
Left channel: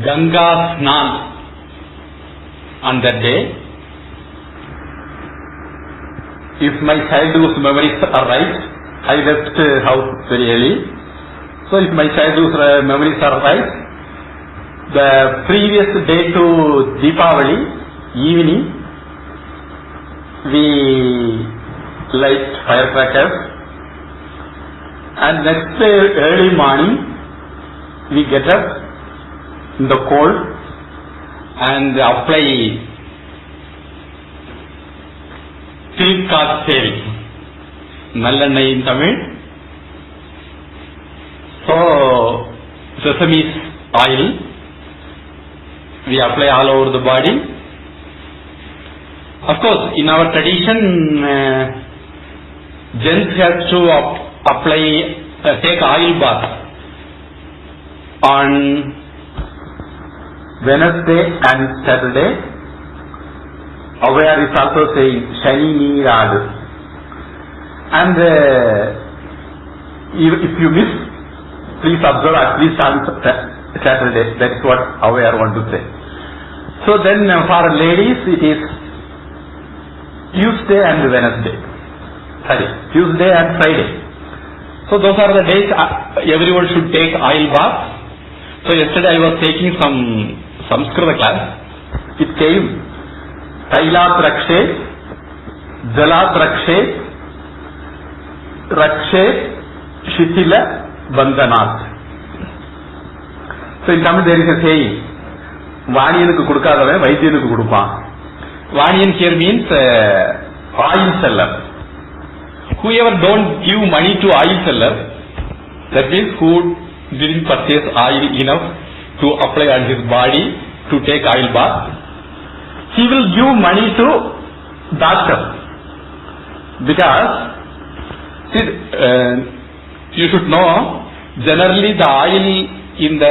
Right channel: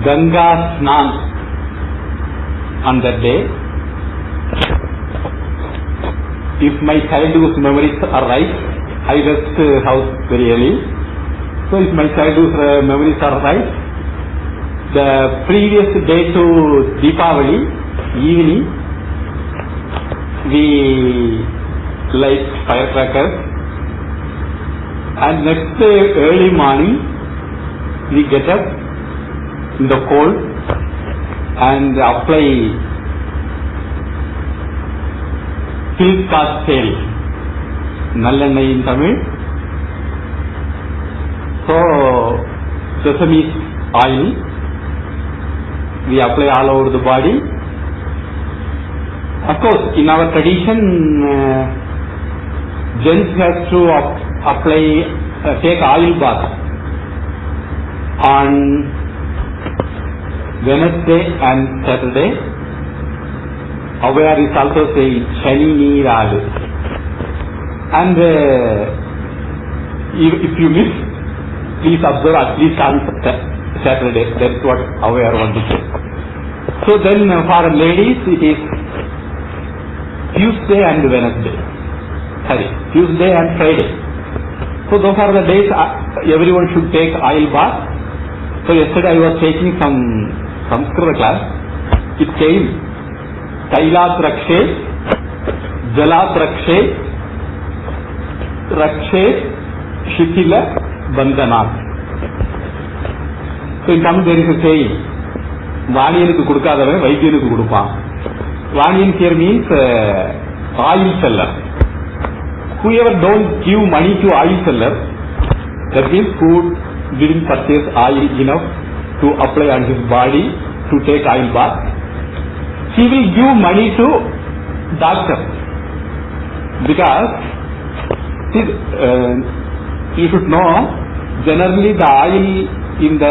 Ganga Snan on that day. If my childhood memories are right, I left house very early. So if my childhood memories are right, the previous day to Deepavali evening, we light firecrackers, and next day early morning we get up in the cold and apply silk oil, nallanai in Tamil. So sesame oil we apply all over the body. Of course, in our tradition, gents has to take oil bath on Wednesday and Saturday. Avayar is also saying shani neeradu, and if you miss, please observe at least on Saturday. That is what Avayar want to say. So then for ladies it is Tuesday and Wednesday. Tuesday and Friday. So those are the days everyone should take oil bath. So yesterday I was taking some Sanskrit class. It came Tailat Rakshe, Jalat Rakshe, Rakshe, Shitila, Bandhanat. So in Tamil there is a saying, Vaniyanukku kudukadavan Vaidyanukku kuduppan. Vaniyan here means oil seller. Whoever don't give money to oil seller, that means who didn't purchase oil enough to apply on his body to take oil bath, he will give money to doctor, because you should know, generally the oil in the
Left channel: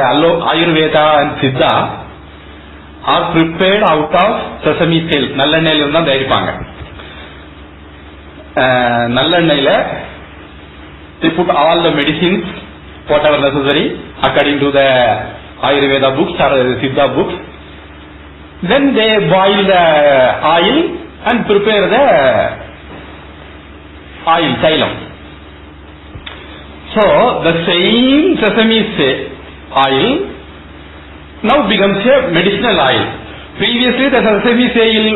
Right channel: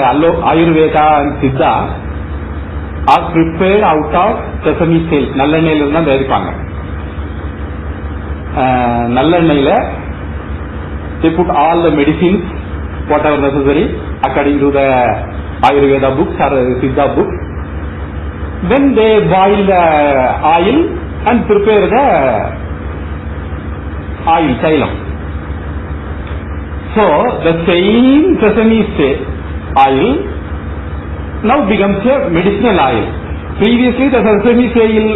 Ayurveda and Siddha are prepared out of sesame seed. நல்லெண்ணெயில இருந்தா தயாரிப்பாங்க. நல்லெண்ணெயில they put all the medicines, whatever necessary according to the Ayurveda books or the Siddha books. Then they boil the oil and prepare the oil, xylem. So the same sesame seed oil now becomes a medicinal oil. Previously the sesame seed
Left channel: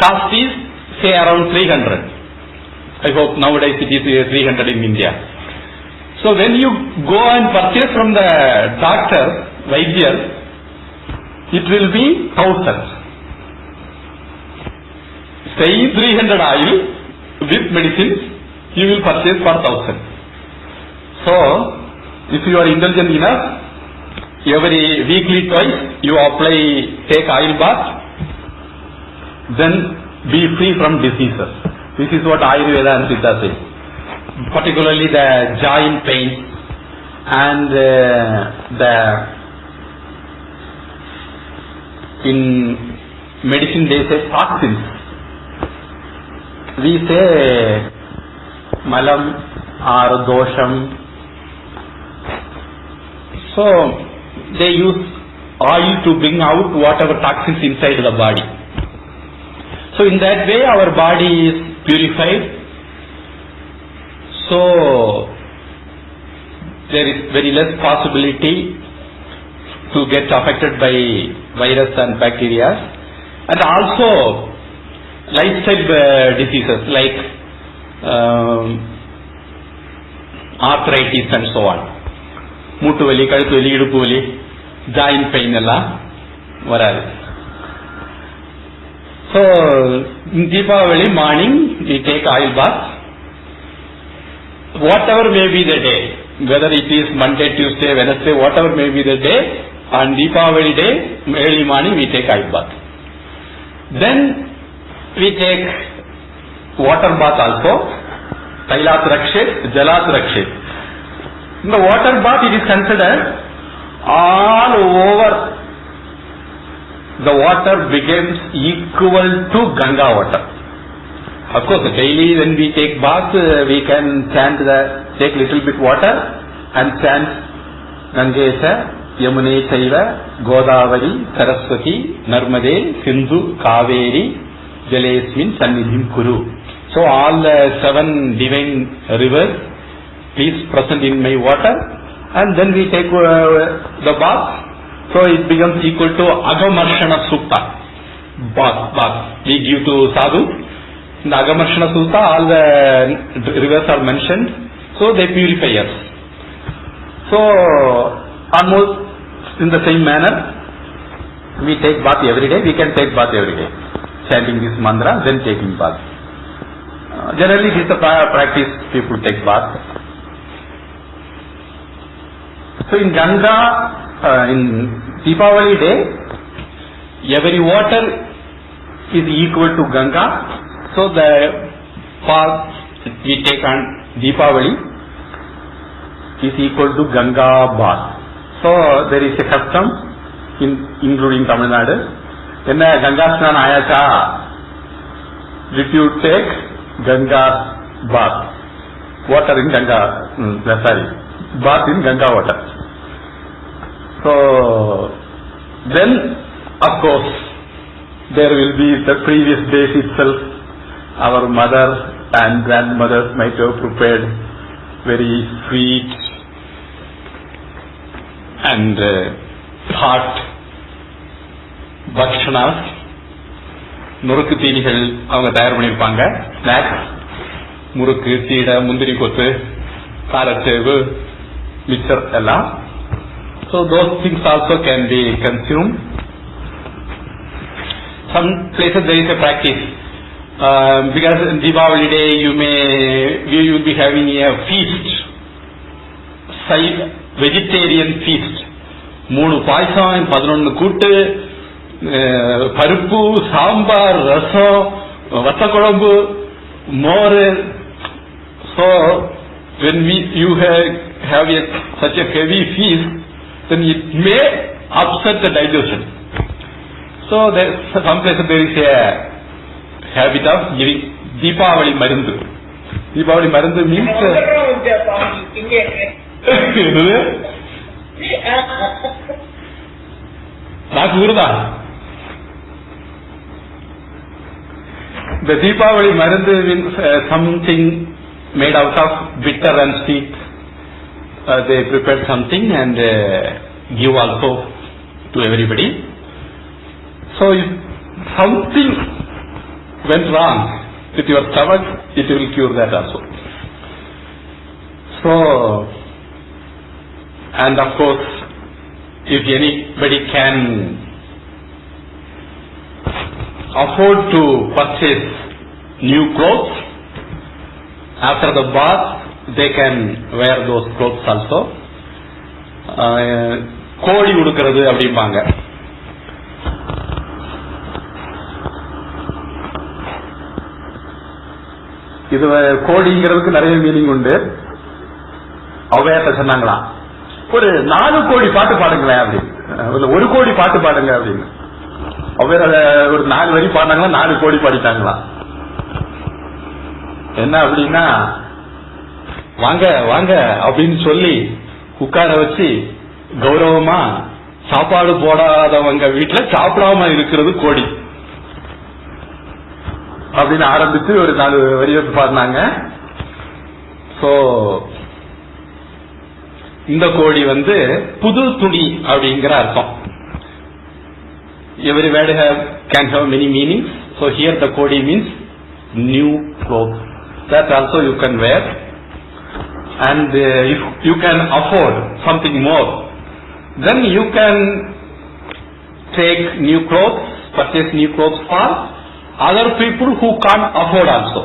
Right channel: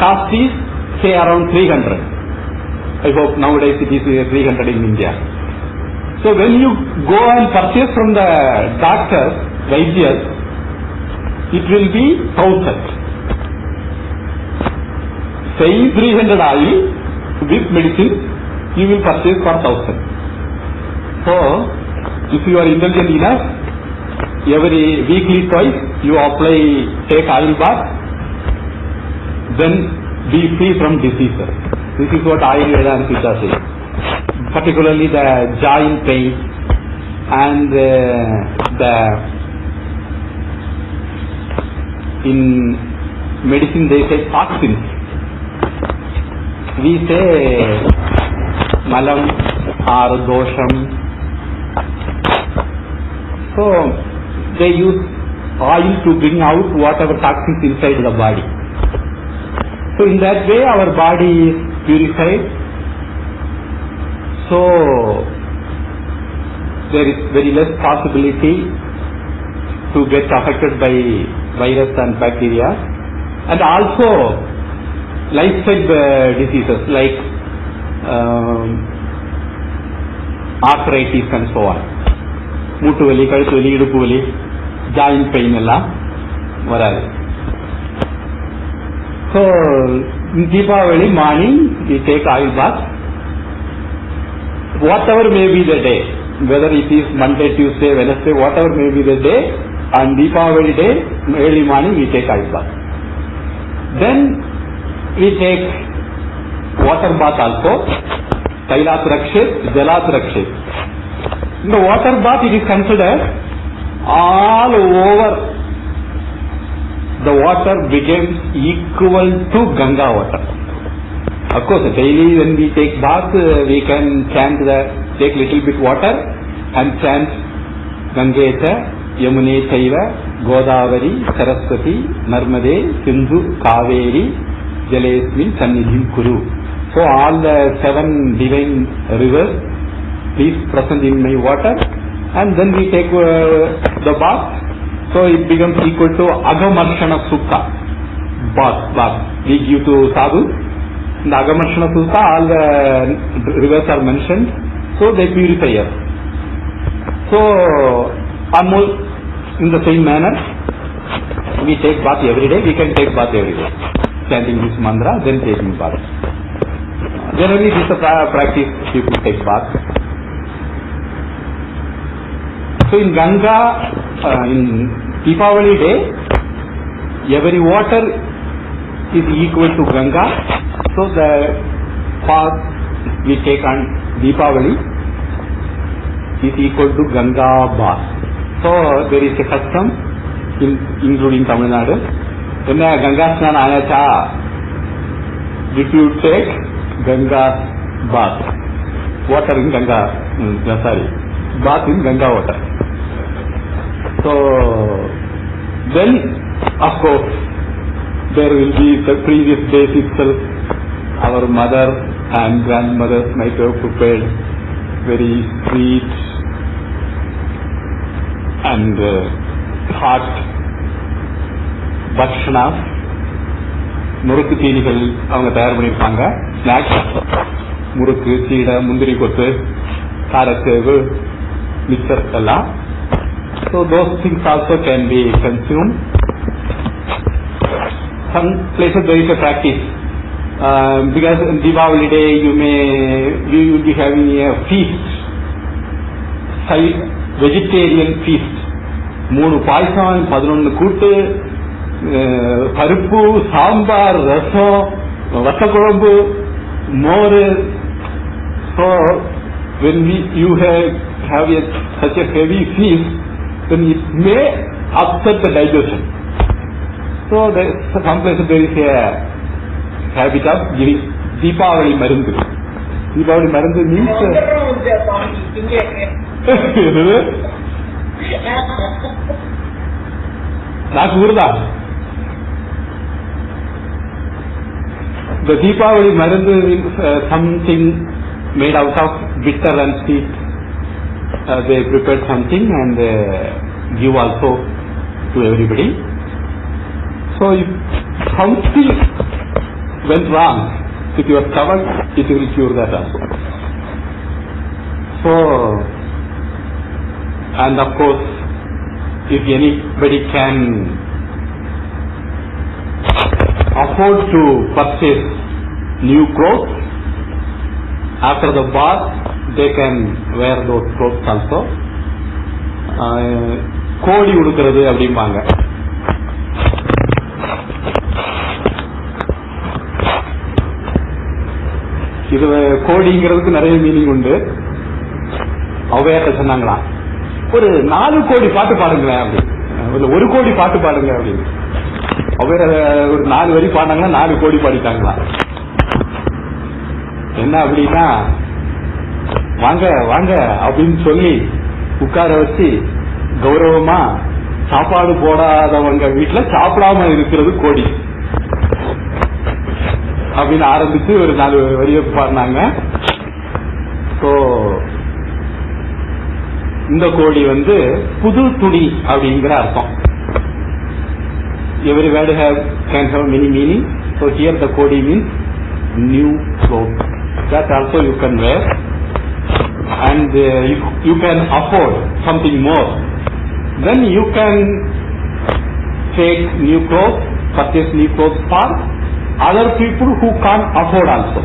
cost is say around 300. I hope nowadays it is 300 in India. So when you go and purchase from the doctor, Vaidya, it will be 1000. Say 300 oil with medicines, you will purchase for 1000. So if you are intelligent enough, every weekly twice you apply, take oil bath, then be free from diseases. This is what Ayurveda and Siddha say. Particularly the joint pain and in medicine they say toxins. We say malam or dosham. So they use oil to bring out whatever toxins inside the body. So in that way our body is purified. So there is very less possibility to get affected by virus and bacteria, and also lifestyle diseases like arthritis and so on. மூட்டு வலி, கழுத்து வலி, இடுப்பு வலி, joint pain எல்லாம் வராது. So in Deepavali morning we take oil bath. Whatever may be the day, whether it is Monday, Tuesday, Wednesday, whatever may be the day, on Deepavali day, early morning we take oil bath. Then we take water bath also. Tailat Rakshet, Jalat Rakshet. In the water bath it is considered all over the water becomes equal to Ganga water. Of course, daily when we take bath, we can take little bit water and chant Gangecha, Yamune Chaiva, Godavari, Saraswati, Narmade, Sindhu, Kaveri, Jalesmin, Sannidhim Kuru. So all the 7 divine rivers, please present in my water, and then we take the bath. So it becomes equal to Agamarshana Sutta. Bath. We give to Sadhu. In the Agamarshana Sutta, all the rivers are mentioned. So they purify us. So almost in the same manner, we take bath every day. We can take bath every day, chanting this mantra, then taking bath. Generally, this is a practice. People take bath. So in Ganga, in Deepavali day, every water is equal to Ganga. So the bath we take on Deepavali is equal to Ganga bath. So there is a custom including Tamil Nadu. In the Ganga Snan Ayacha, did you take Ganga bath? Water in Ganga, bath in Ganga water. So then, of course, there will be the previous days itself. Our mothers and grandmothers might have prepared very sweet and hot bhakshanas. முறுக்கு தீனிகள் அவங்க தயார் பண்ணியிருப்பாங்க. Snacks, முறுக்கு, சீடை, முந்திரி கொத்து, காரச்சேவு, mixer எல்லாம். So those things also can be consumed. Some places there is a practice because in Deepavali day you will be having a feast. Vegetarian feast. 3 பாயசம், 11 கூட்டு, பருப்பு, சாம்பார், ரசம், வத்த குழம்பு, மோர். So when you have such a heavy feast, then it may upset the digestion. So some places there is a habit of giving Deepavali Marandu. Deepavali Marandu means not Gurda. The Deepavali Marandu means something made out of bitter and sweet. They prepared something and give also to everybody. So if something went wrong with your stomach, it will cure that also. So, and of course, if anybody can afford to purchase new clothes, after the bath, they can wear those clothes also. கோழி உடுக்கிறது அப்படிம்பாங்க. இது கோடிங்கிறதுக்கு நிறைய meaning உண்டு. அவ்வையார்ட்ட சொன்னாங்களாம், ஒரு 4 கோடி பாட்டு பாடுங்களேன் அப்படி, 1 கோடி பாட்டு பாடுங்க அப்படின்னு. அவ்வையார் ஒரு 4 வரி பாடினாங்களா, 4 கோடி பாடிட்டாங்களா. என்ன அப்படின்னா, வாங்க வாங்க அப்படின்னு சொல்லி உட்கார வச்சு கௌரவமா சாப்பாடு போடாதவங்க வீட்டுல சாப்பிடாம இருக்கிறது கோடி அப்படின்னு ஆரம்பிச்சு ஒரு 4 வரியை பாடினாங்க. ஸோ இந்த கோடி புது துணி அப்படிங்கிற அர்த்தம். Every word can have many meanings. So here the kodi means new clothes. That also you can wear. And if you can afford something more, then you can take new clothes, purchase new clothes for other people who can't afford also.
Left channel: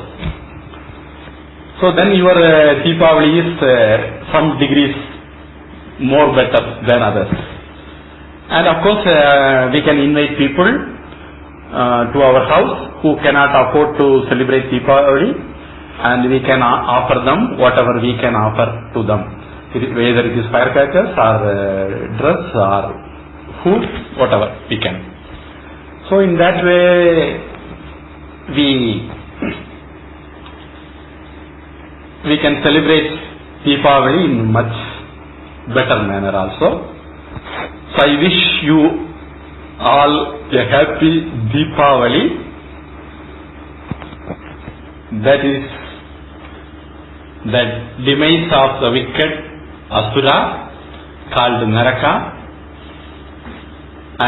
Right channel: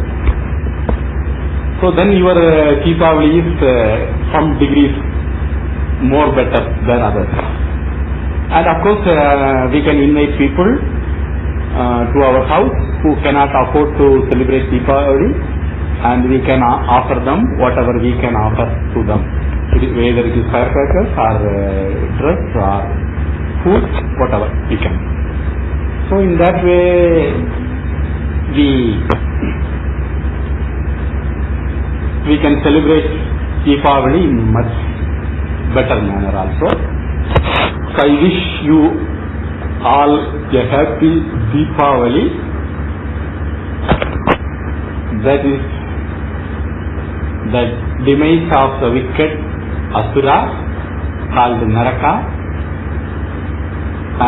So then your Deepavali is some degrees more better than others. And of course we can invite people to our house who cannot afford to celebrate Deepavali, and we can offer them whatever we can offer to them, whether it is firecrackers or dress or food, whatever we can. So in that way we can celebrate Deepavali in much better manner also. So I wish you all a happy Deepavali. That is the demise of the wicked asura called Naraka,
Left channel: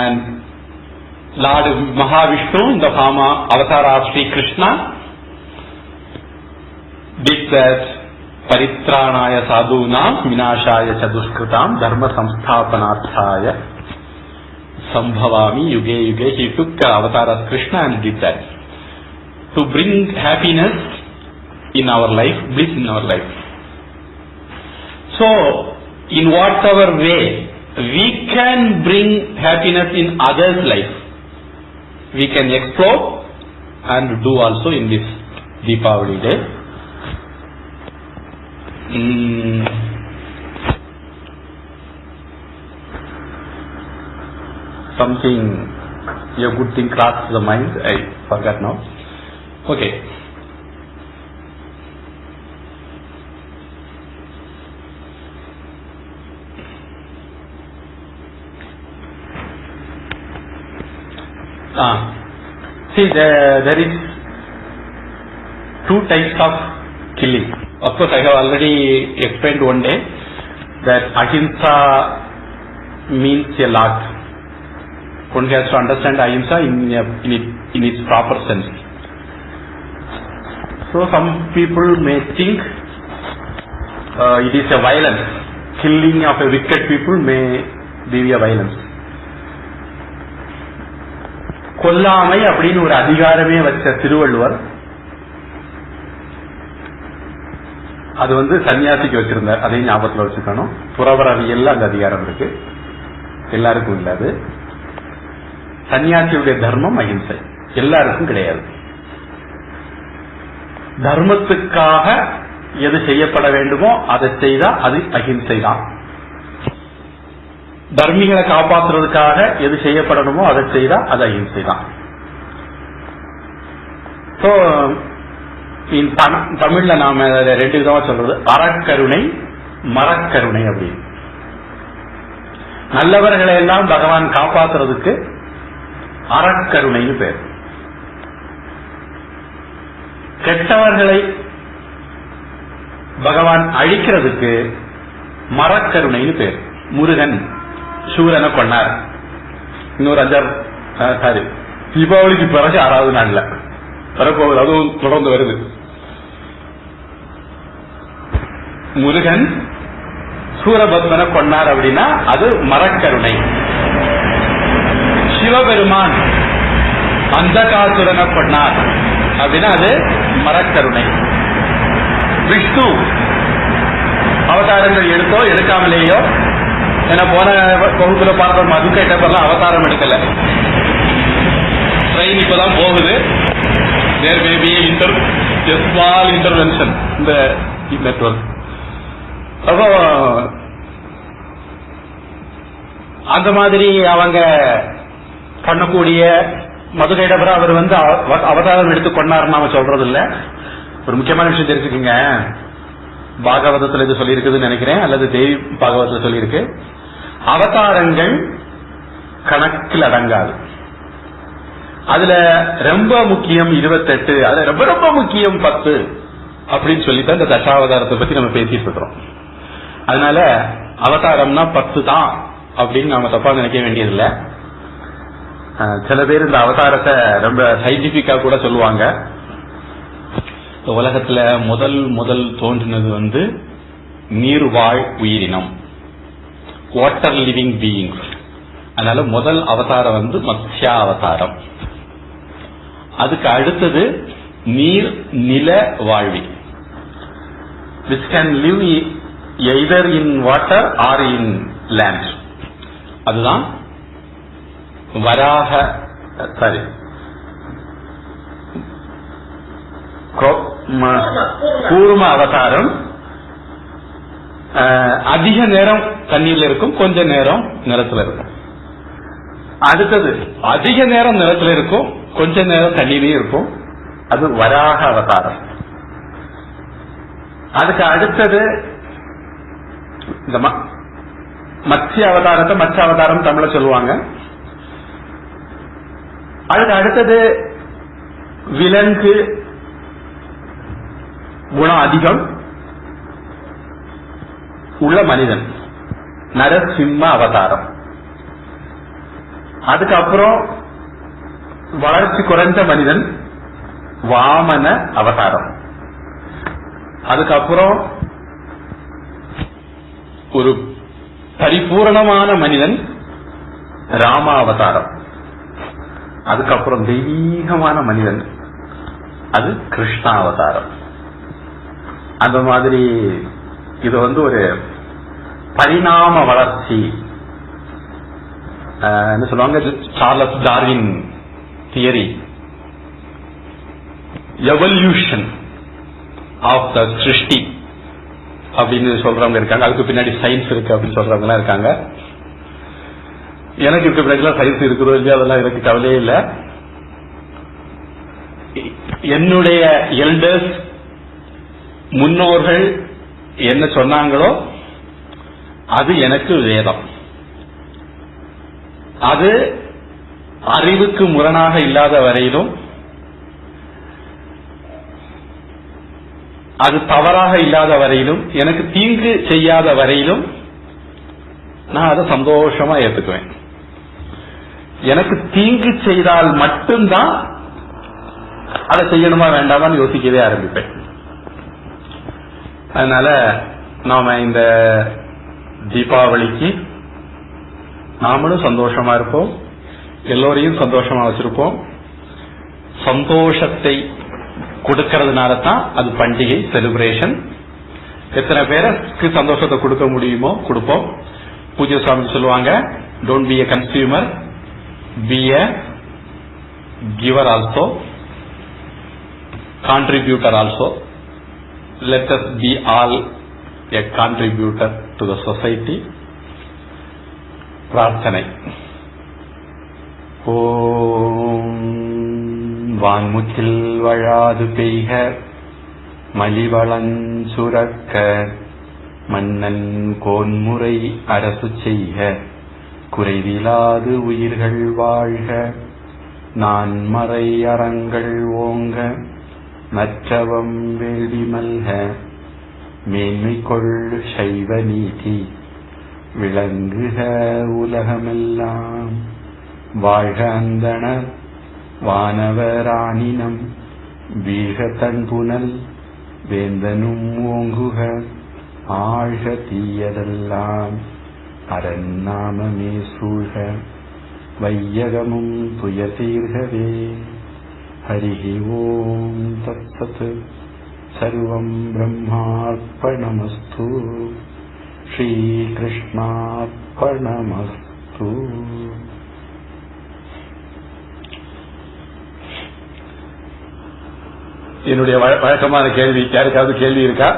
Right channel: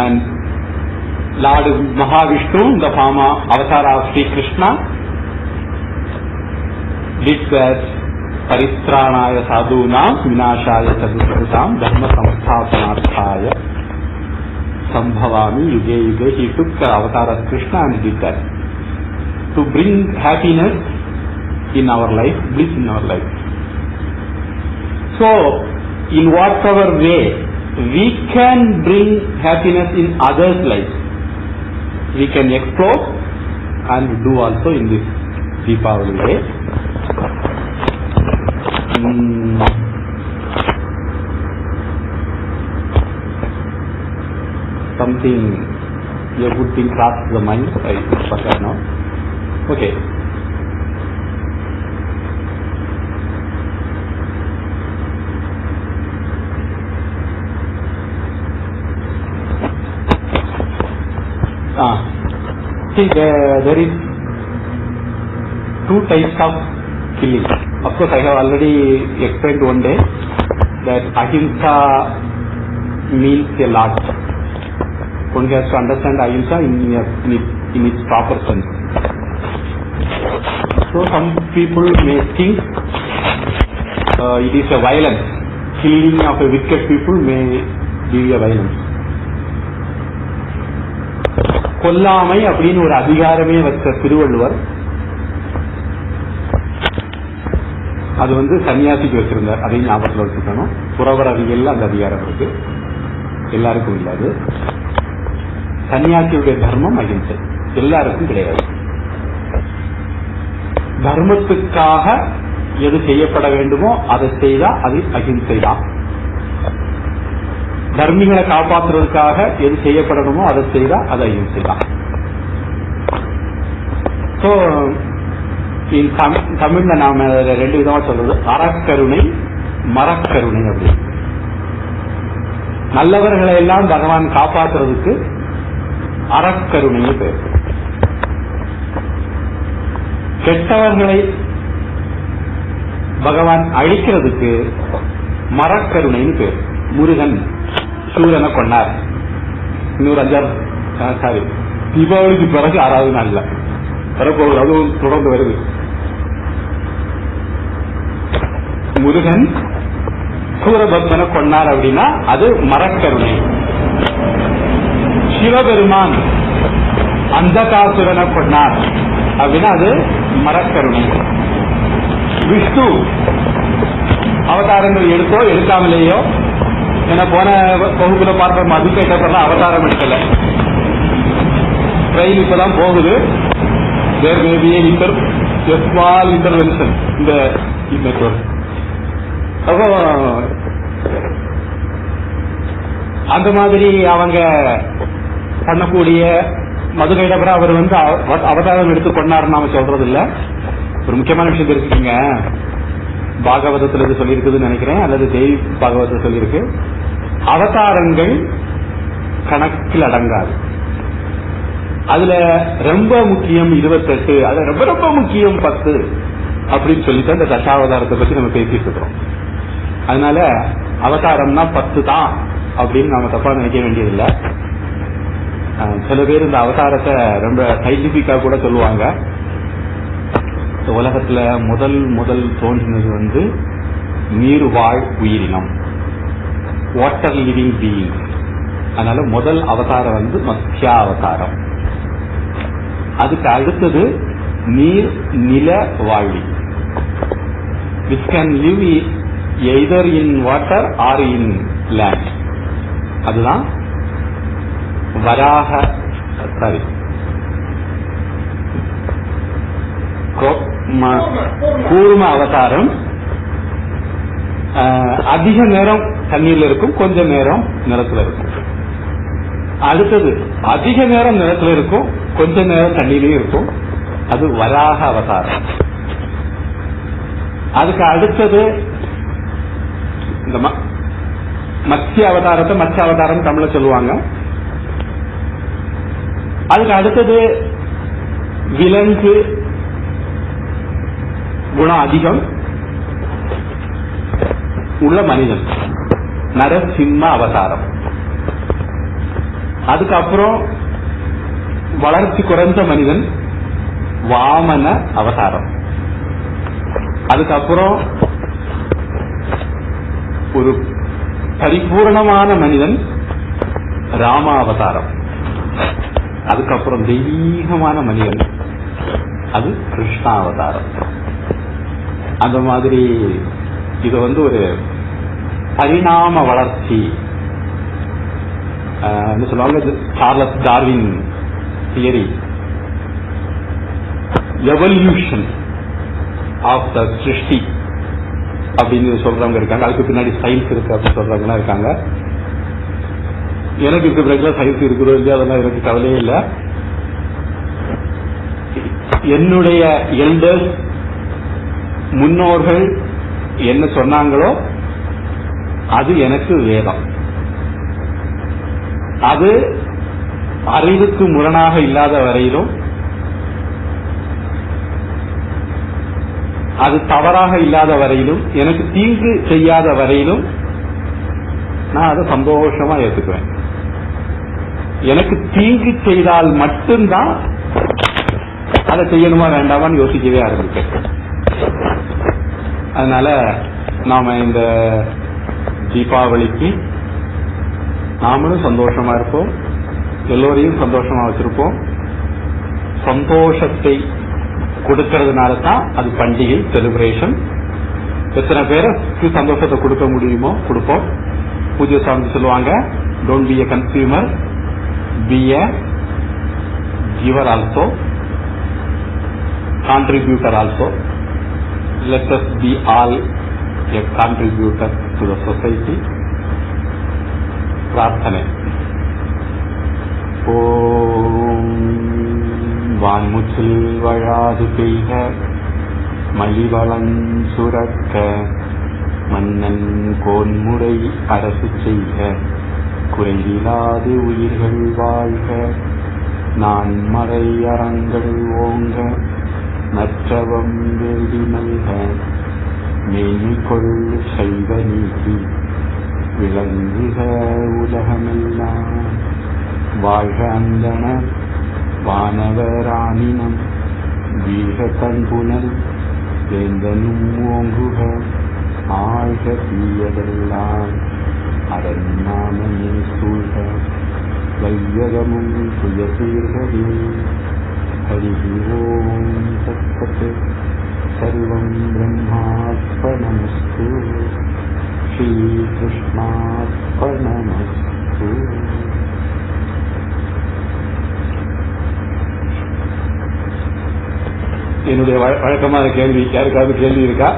and Lord Mahāviṣṇu in the form of avatar of Sri Krishna did that paritranaya sadhunam vinashaya chaduskrutam dharma samsthapanarthaya sambhavami yuge yuge. He took the avatar of Krishna and did that to bring happiness in our life, bliss in our life. So in whatever way we can bring happiness in others' life, we can explore and do also in this Deepavali day. Something, a good thing crossed the mind, I forgot now. Okay. See, there is 2 types of killing. Of course, I have already explained one day that ahimsa means a lot. One has to understand ahimsa in its proper sense. So some people may think it is a violence. Killing of a wicked people may be a violence. கொல்லாமை அப்படின்னு ஒரு அதிகாரமே வச்ச திருவள்ளுவர் அது சன்னியாசிக்கு வச்சிருந்தார். அதையும் ஞாபகத்தில் வச்சுக்கணும். துறவரவியல்ல அந்த அதிகாரம் இருக்கு, எல்லாருக்கும் இல்லை. அது சன்னியாசியுடைய தர்மம் அகிம்சை, எல்லாருக்கும் கிடையாது. தர்மத்துக்காக எது செய்யப்பட வேண்டுமோ அதை செய்தா அது அகிம்சை தான். தர்மிகளை காப்பாற்றுறதுக்காக எது செய்யப்படணுமோ அதை செய்தா அது அகிம்சை தான். தமிழ்ல நாம 2 விதமா சொல்றது, அறக்கருணை, மரக்கருணை அப்படின்னு. நல்லவர்களை எல்லாம் பகவான் காப்பாற்றுறதுக்கு அறக்கருணைன்னு பேர். கெட்டவர்களை பகவான் அழிக்கிறதுக்கு மரக்கருணைன்னு பேர். முருகன் சூரனை பண்ணார். இன்னொரு 5 தீபாவளிக்கு பிறகு 6வது நாள்ல வரப்போகுது, அதுவும் தொடர்ந்து வருது. முருகன் சூரபத்மனை பண்ணார் அப்படின்னா அது மரக்கருணை. சிவபெருமான் அந்தகாசுரனை பண்ணார் அப்படின்னா அது மரக்கருணை. விஷ்ணு அவதாரங்கள் எடுத்தோ எடுக்காமலேயோ, ஏன்னா போன வகுப்புல பார்த்த மதுக்கைட்டப்பெல்லாம் அவதாரம் எடுக்கல, ட்ரெயின் இப்பதான் போகுது. There may be a small intervention in the network. அப்போ அந்த மாதிரி அவங்க பண்ணக்கூடிய மதுரையிடப்பட அவர் அவதாரம் எடுத்து கொண்டாருன்னு நாம சொல்றது இல்ல. ஒரு முக்கியமான விஷயம் தெரிஞ்சுக்கீங்க, பாகவதத்துல இது சொல்லியிருக்குதுன்னு நினைக்கிறேன், அல்லது தேவி பாகவதத்துல சொல்லியிருக்கு, அவதாரங்கள் கணக்கில் அடங்காது. அதுல ரொம்ப முக்கியம் 28, அது ரொம்ப ரொம்ப முக்கியம் 10 அப்படின்னு சொல்லித்தான் இந்த தசாவதாரத்தை பத்தி நம்ம பேசிட்டு இருக்கிறோம். அதனால அவதாரம்னா 10 தான் அப்படின்னு நாம தப்பா நினைக்க வேண்டியதில்லை. சில பேர் இந்த அவதாரத்தை ரொம்ப சயின்டிபிக்கா கூட சொல்லுவாங்க. உலகத்துல முதல் தோன்றினது நீர்வாழ் உயிரினம், வாட்டர் லிவிங் பீயிங்ஸ். அதனால முதல் அவதாரம் மத்ஸ்யா அவதாரம். அதுக்கு அடுத்தது நீர் நில வாழ்வி, which can live either in water or in land. அதுதான் வராக கூர்ம அவதாரம். அதிக நேரம் தண்ணீர்ல இருக்கும், கொஞ்ச நேரம் நிலத்துல இருக்கும். அடுத்தது அதிக நேரம் நிலத்துல இருக்கும், கொஞ்ச நேரம் தண்ணீரையும் இருக்கும், அது வராக அவதாரம். அதுக்கு அடுத்தது இந்த மத்ஸ்ய அவதாரத்தை மத்ஸ்ய அவதாரம் தமிழ சொல்லுவாங்க. அதுக்கு அடுத்தது விலங்கு குணம் அதிகம் உள்ள மனிதன், நரசிம்ம அவதாரம். அதுக்கப்புறம் வளர்ச்சி குறைந்த மனிதன், வாமன அவதாரம். அதுக்கப்புறம் ஒரு பரிபூர்ணமான மனிதன், ராம அவதாரம். அதுக்கப்புறம் தெய்வீகமான மனிதன், அது கிருஷ்ணா அவதாரம். அந்த மாதிரி இது ஒரு பரிணாம வளர்ச்சி சொல்லுவாங்க. Charles Darwin theory, evolution of the சிருஷ்டி அப்படின்னு சொல்றவங்க இருக்காங்க. அதுக்கு பின்னாடி சயின்ஸ் இருக்கு அப்படின்னு சொல்றவங்க இருக்காங்க. எனக்கு இப்ப ரெகுலர் சயின்ஸ் இருக்கிறதோ இல்லையா அதெல்லாம் எனக்கு கவலையே இல்லை. என்னுடைய எல்டர்ஸ் முன்னோர்கள் என்ன சொன்னாங்களோ அது எனக்கு வேதம். அது அறிவுக்கு முரணாக இல்லாத வரையிலும், அது தவறாக இல்லாத வரையிலும், எனக்கு தீங்கு செய்யாத வரையிலும் நான் அதை சந்தோஷமா ஏத்துக்குவேன். எனக்கு தீங்கு செய்தால் மட்டும்தான் அதை செய்யணுமா வேண்டாமான்னு யோசிக்கவே ஆரம்பிப்பேன். அதனால நாம இந்த தீபாவளிக்கு நாமளும் சந்தோஷமா இருப்போம், எல்லோரையும் சந்தோஷமா வச்சிருப்போம். சந்தோஷத்தை கொடுக்கறதுனால தான் அது பண்டிகை, செலிப்ரேஷன். எத்தனை பேருக்கு சந்தோஷத்தை கொடுக்க முடியுமோ கொடுப்போம். பூஜ்ய சுவாமி சொல்லுவாங்க, don't be a consumer, B a giver also, contributor also. Let us be all a contributor to the society. பிரார்த்தனை. ஓம் வான்முகில் வழாது பெய்க, மலிவளன் சுரக்க, மன்னன் கோன்முறை அரசு செய்க, குறைவிலாது உயிர்கள் வாழ்க, நான் மறை அறங்கள் ஓங்க, நற்றவம் வேள்வி மல்க, மேன்மை கொள் சைவ நீதி விளங்குக உலகமெல்லாம். வாழ்க அந்தணர் வானவராணினம், வீழ தன்புனல் வேந்தனும் ஓங்குக, ஆழ்க தீயதெல்லாம் அரண்நாமமே சூழ்க, வையகமும் துயதீர்கவே. ஹரி ஓம் தத்சத். சர்வம் பிரம்மார்ப்பணமஸ்து. ஸ்ரீகிருஷ்ணார்ப்பணமஸ்து. என்னுடைய வழக்கமான கேள்வி, யாருக்காவது கேள்வி இருக்கா?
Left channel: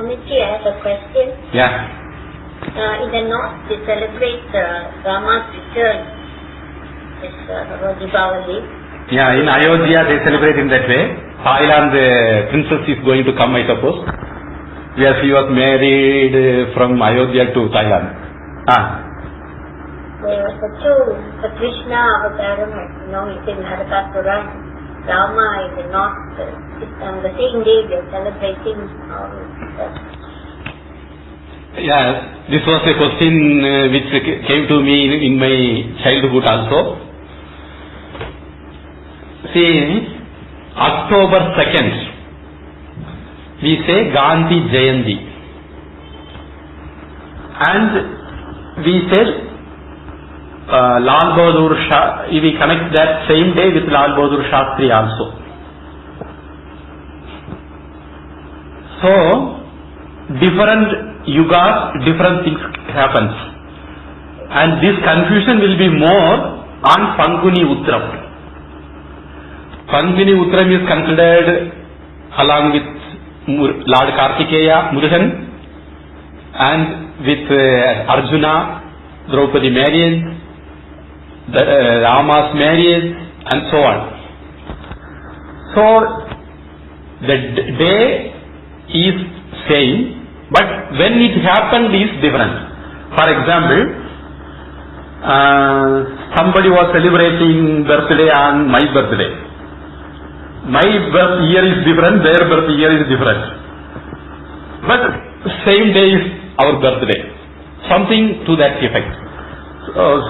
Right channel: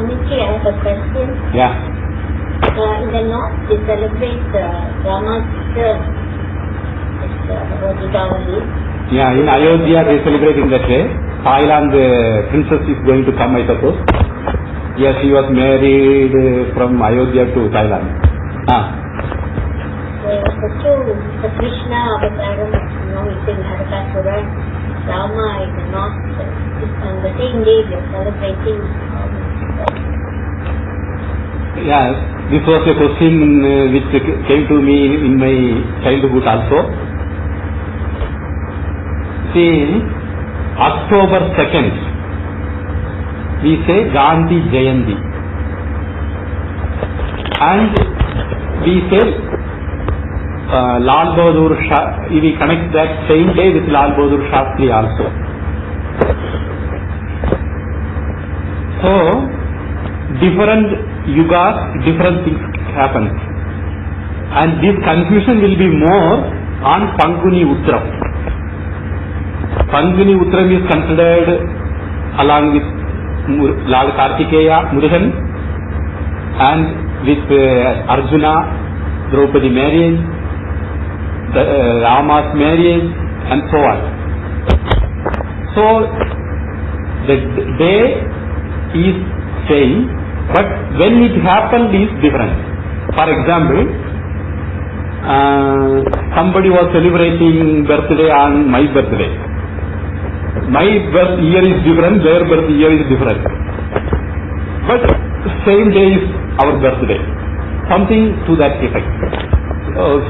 Amici, I have a question. Yeah. In the north, they celebrate Rama's return. It's Deepavali. Yeah, in Ayodhya they celebrate in that way. Thailand, the princess is going to come, I suppose. Where she was married from Ayodhya to Thailand. The Krishna Avataram, it's in Narakāsura. Rama in the north. On the same day we are celebrating. Yes, this was a question which came to me in my childhood also. See, October 2nd, we say Gandhi Jayanti, and we say Lal Bahadur Shastri. We connect that same day with Lal Bahadur Shastri also. So, different yugas, different things happens, and this confusion will be more on Panguni Utram. Panguni Utram is considered along with Lord Kartikeya, Murugan, and with Arjuna, Draupadi marriage, Rama's marriage, and so on. So the day is same, but when it happened is different. For example, somebody was celebrating birthday on my birthday. My birth year is different, their birth year is different, but same day is our birthday. Something to that effect.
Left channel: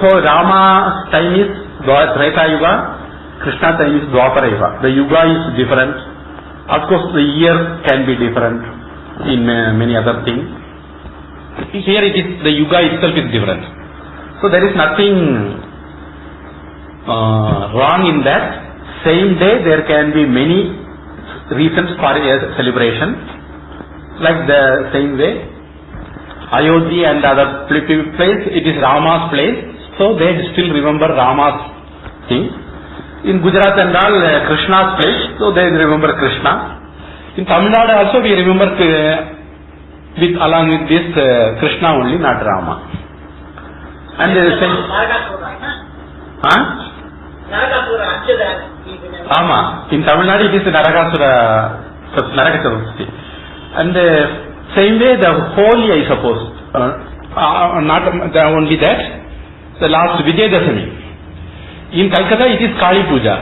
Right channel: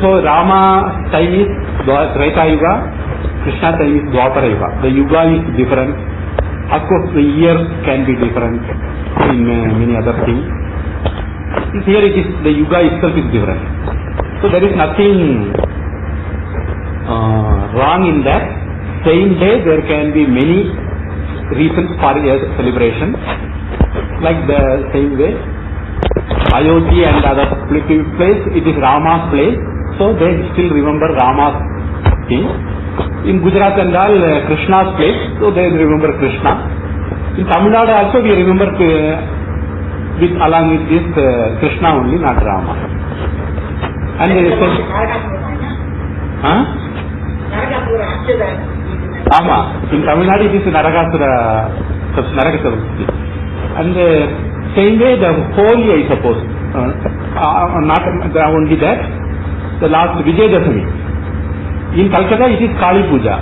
So Rama's time is Treta Yuga, Krishna time is Dwapara Yuga. The Yuga is different. Of course, the year can be different in many other things. Here it is, the Yuga itself is different. So there is nothing wrong in that. Same day there can be many reasons for a celebration. Like the same way, Ayodhya and other place, it is Rama's place, so they still remember Rama's thing. In Gujarat and all, Krishna's place, so they remember Krishna. In Tamil Nadu also we remember along with this Krishna only, not Rama. And there is in Tamil Nadu it is Narakāsura, Narakāsura. And same way the Holi, I suppose, not only that, the last Vijayadashami. In Calcutta it is Kali Puja.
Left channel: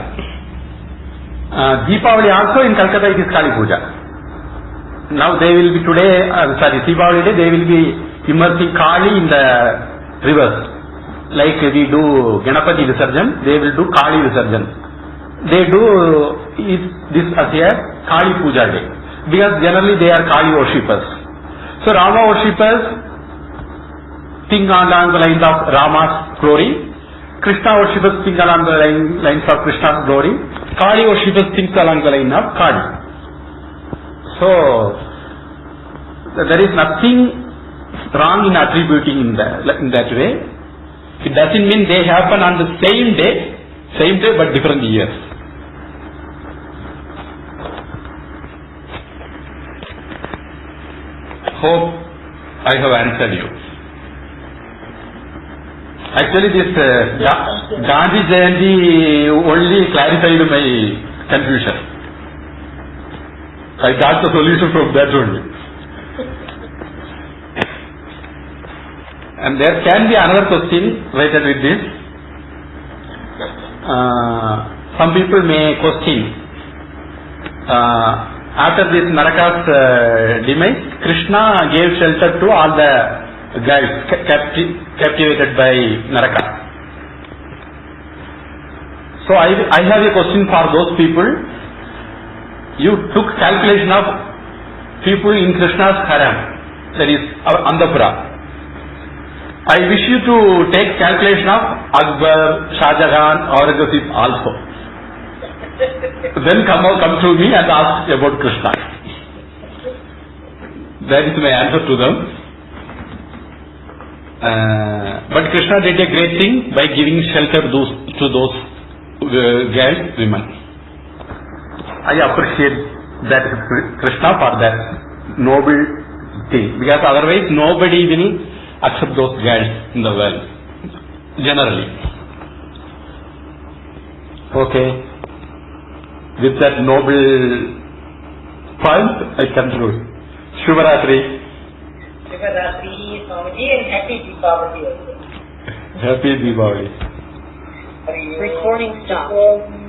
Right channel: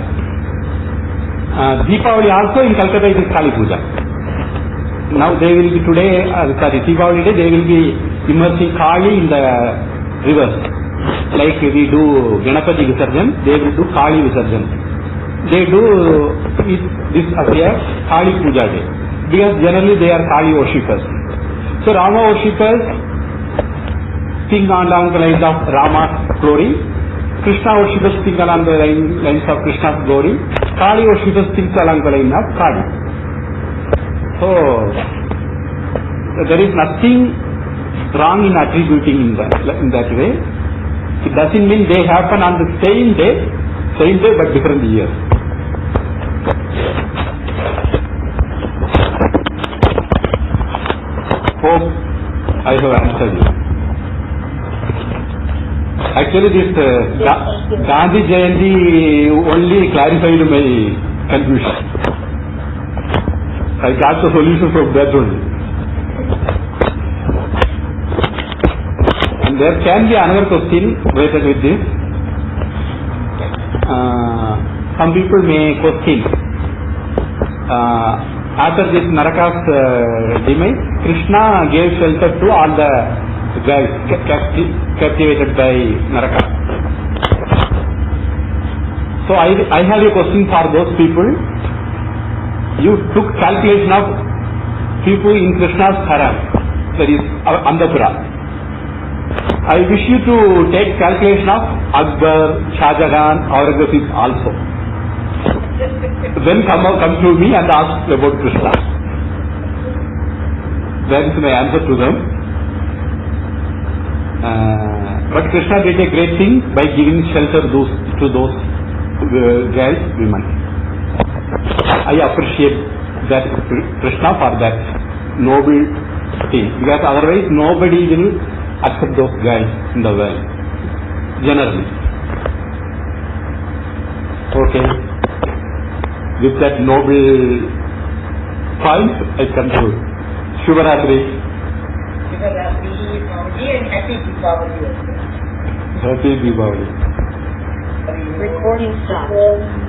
Deepavali also in Calcutta it is Kali Puja. Now they will be today, Deepavali day they will be immersing Kali in the rivers. Like we do Ganapati Visarjan, they will do Kali Visarjan. They do this as a Kali Puja day, because generally they are Kali worshippers. So Rama worshippers think along the lines of Rama's glory, Krishna worshippers think along the lines of Krishna's glory, Kali worshippers think along the line of Kali. So there is nothing wrong in attributing in that way. It doesn't mean they happen on the same day but different years. Hope I have answered you. Actually, this Gandhi Jayanti only clarified my confusion. I got the solution from that only. And there can be another question related with this. Some people may question, after this Narakas demise, Krishna gave shelter to all the guys captivated by Narakas. So I have a question for those people. You took calculation of people in Krishna's harem, that is Andhapura. I wish you to take calculation of Akbar, Shah Jahan, Aurangzeb also. Then come to me and ask about Krishna. That is my answer to them. But Krishna did a great thing by giving shelter to those girls, women. I appreciate that Krishna for that noble thing, because otherwise nobody will accept those girls in the world, generally. Okay. With that noble point, I conclude. Shubharatri. Shubharatri, Swamiji, and happy Deepavali also. Happy Deepavali. With falling stars.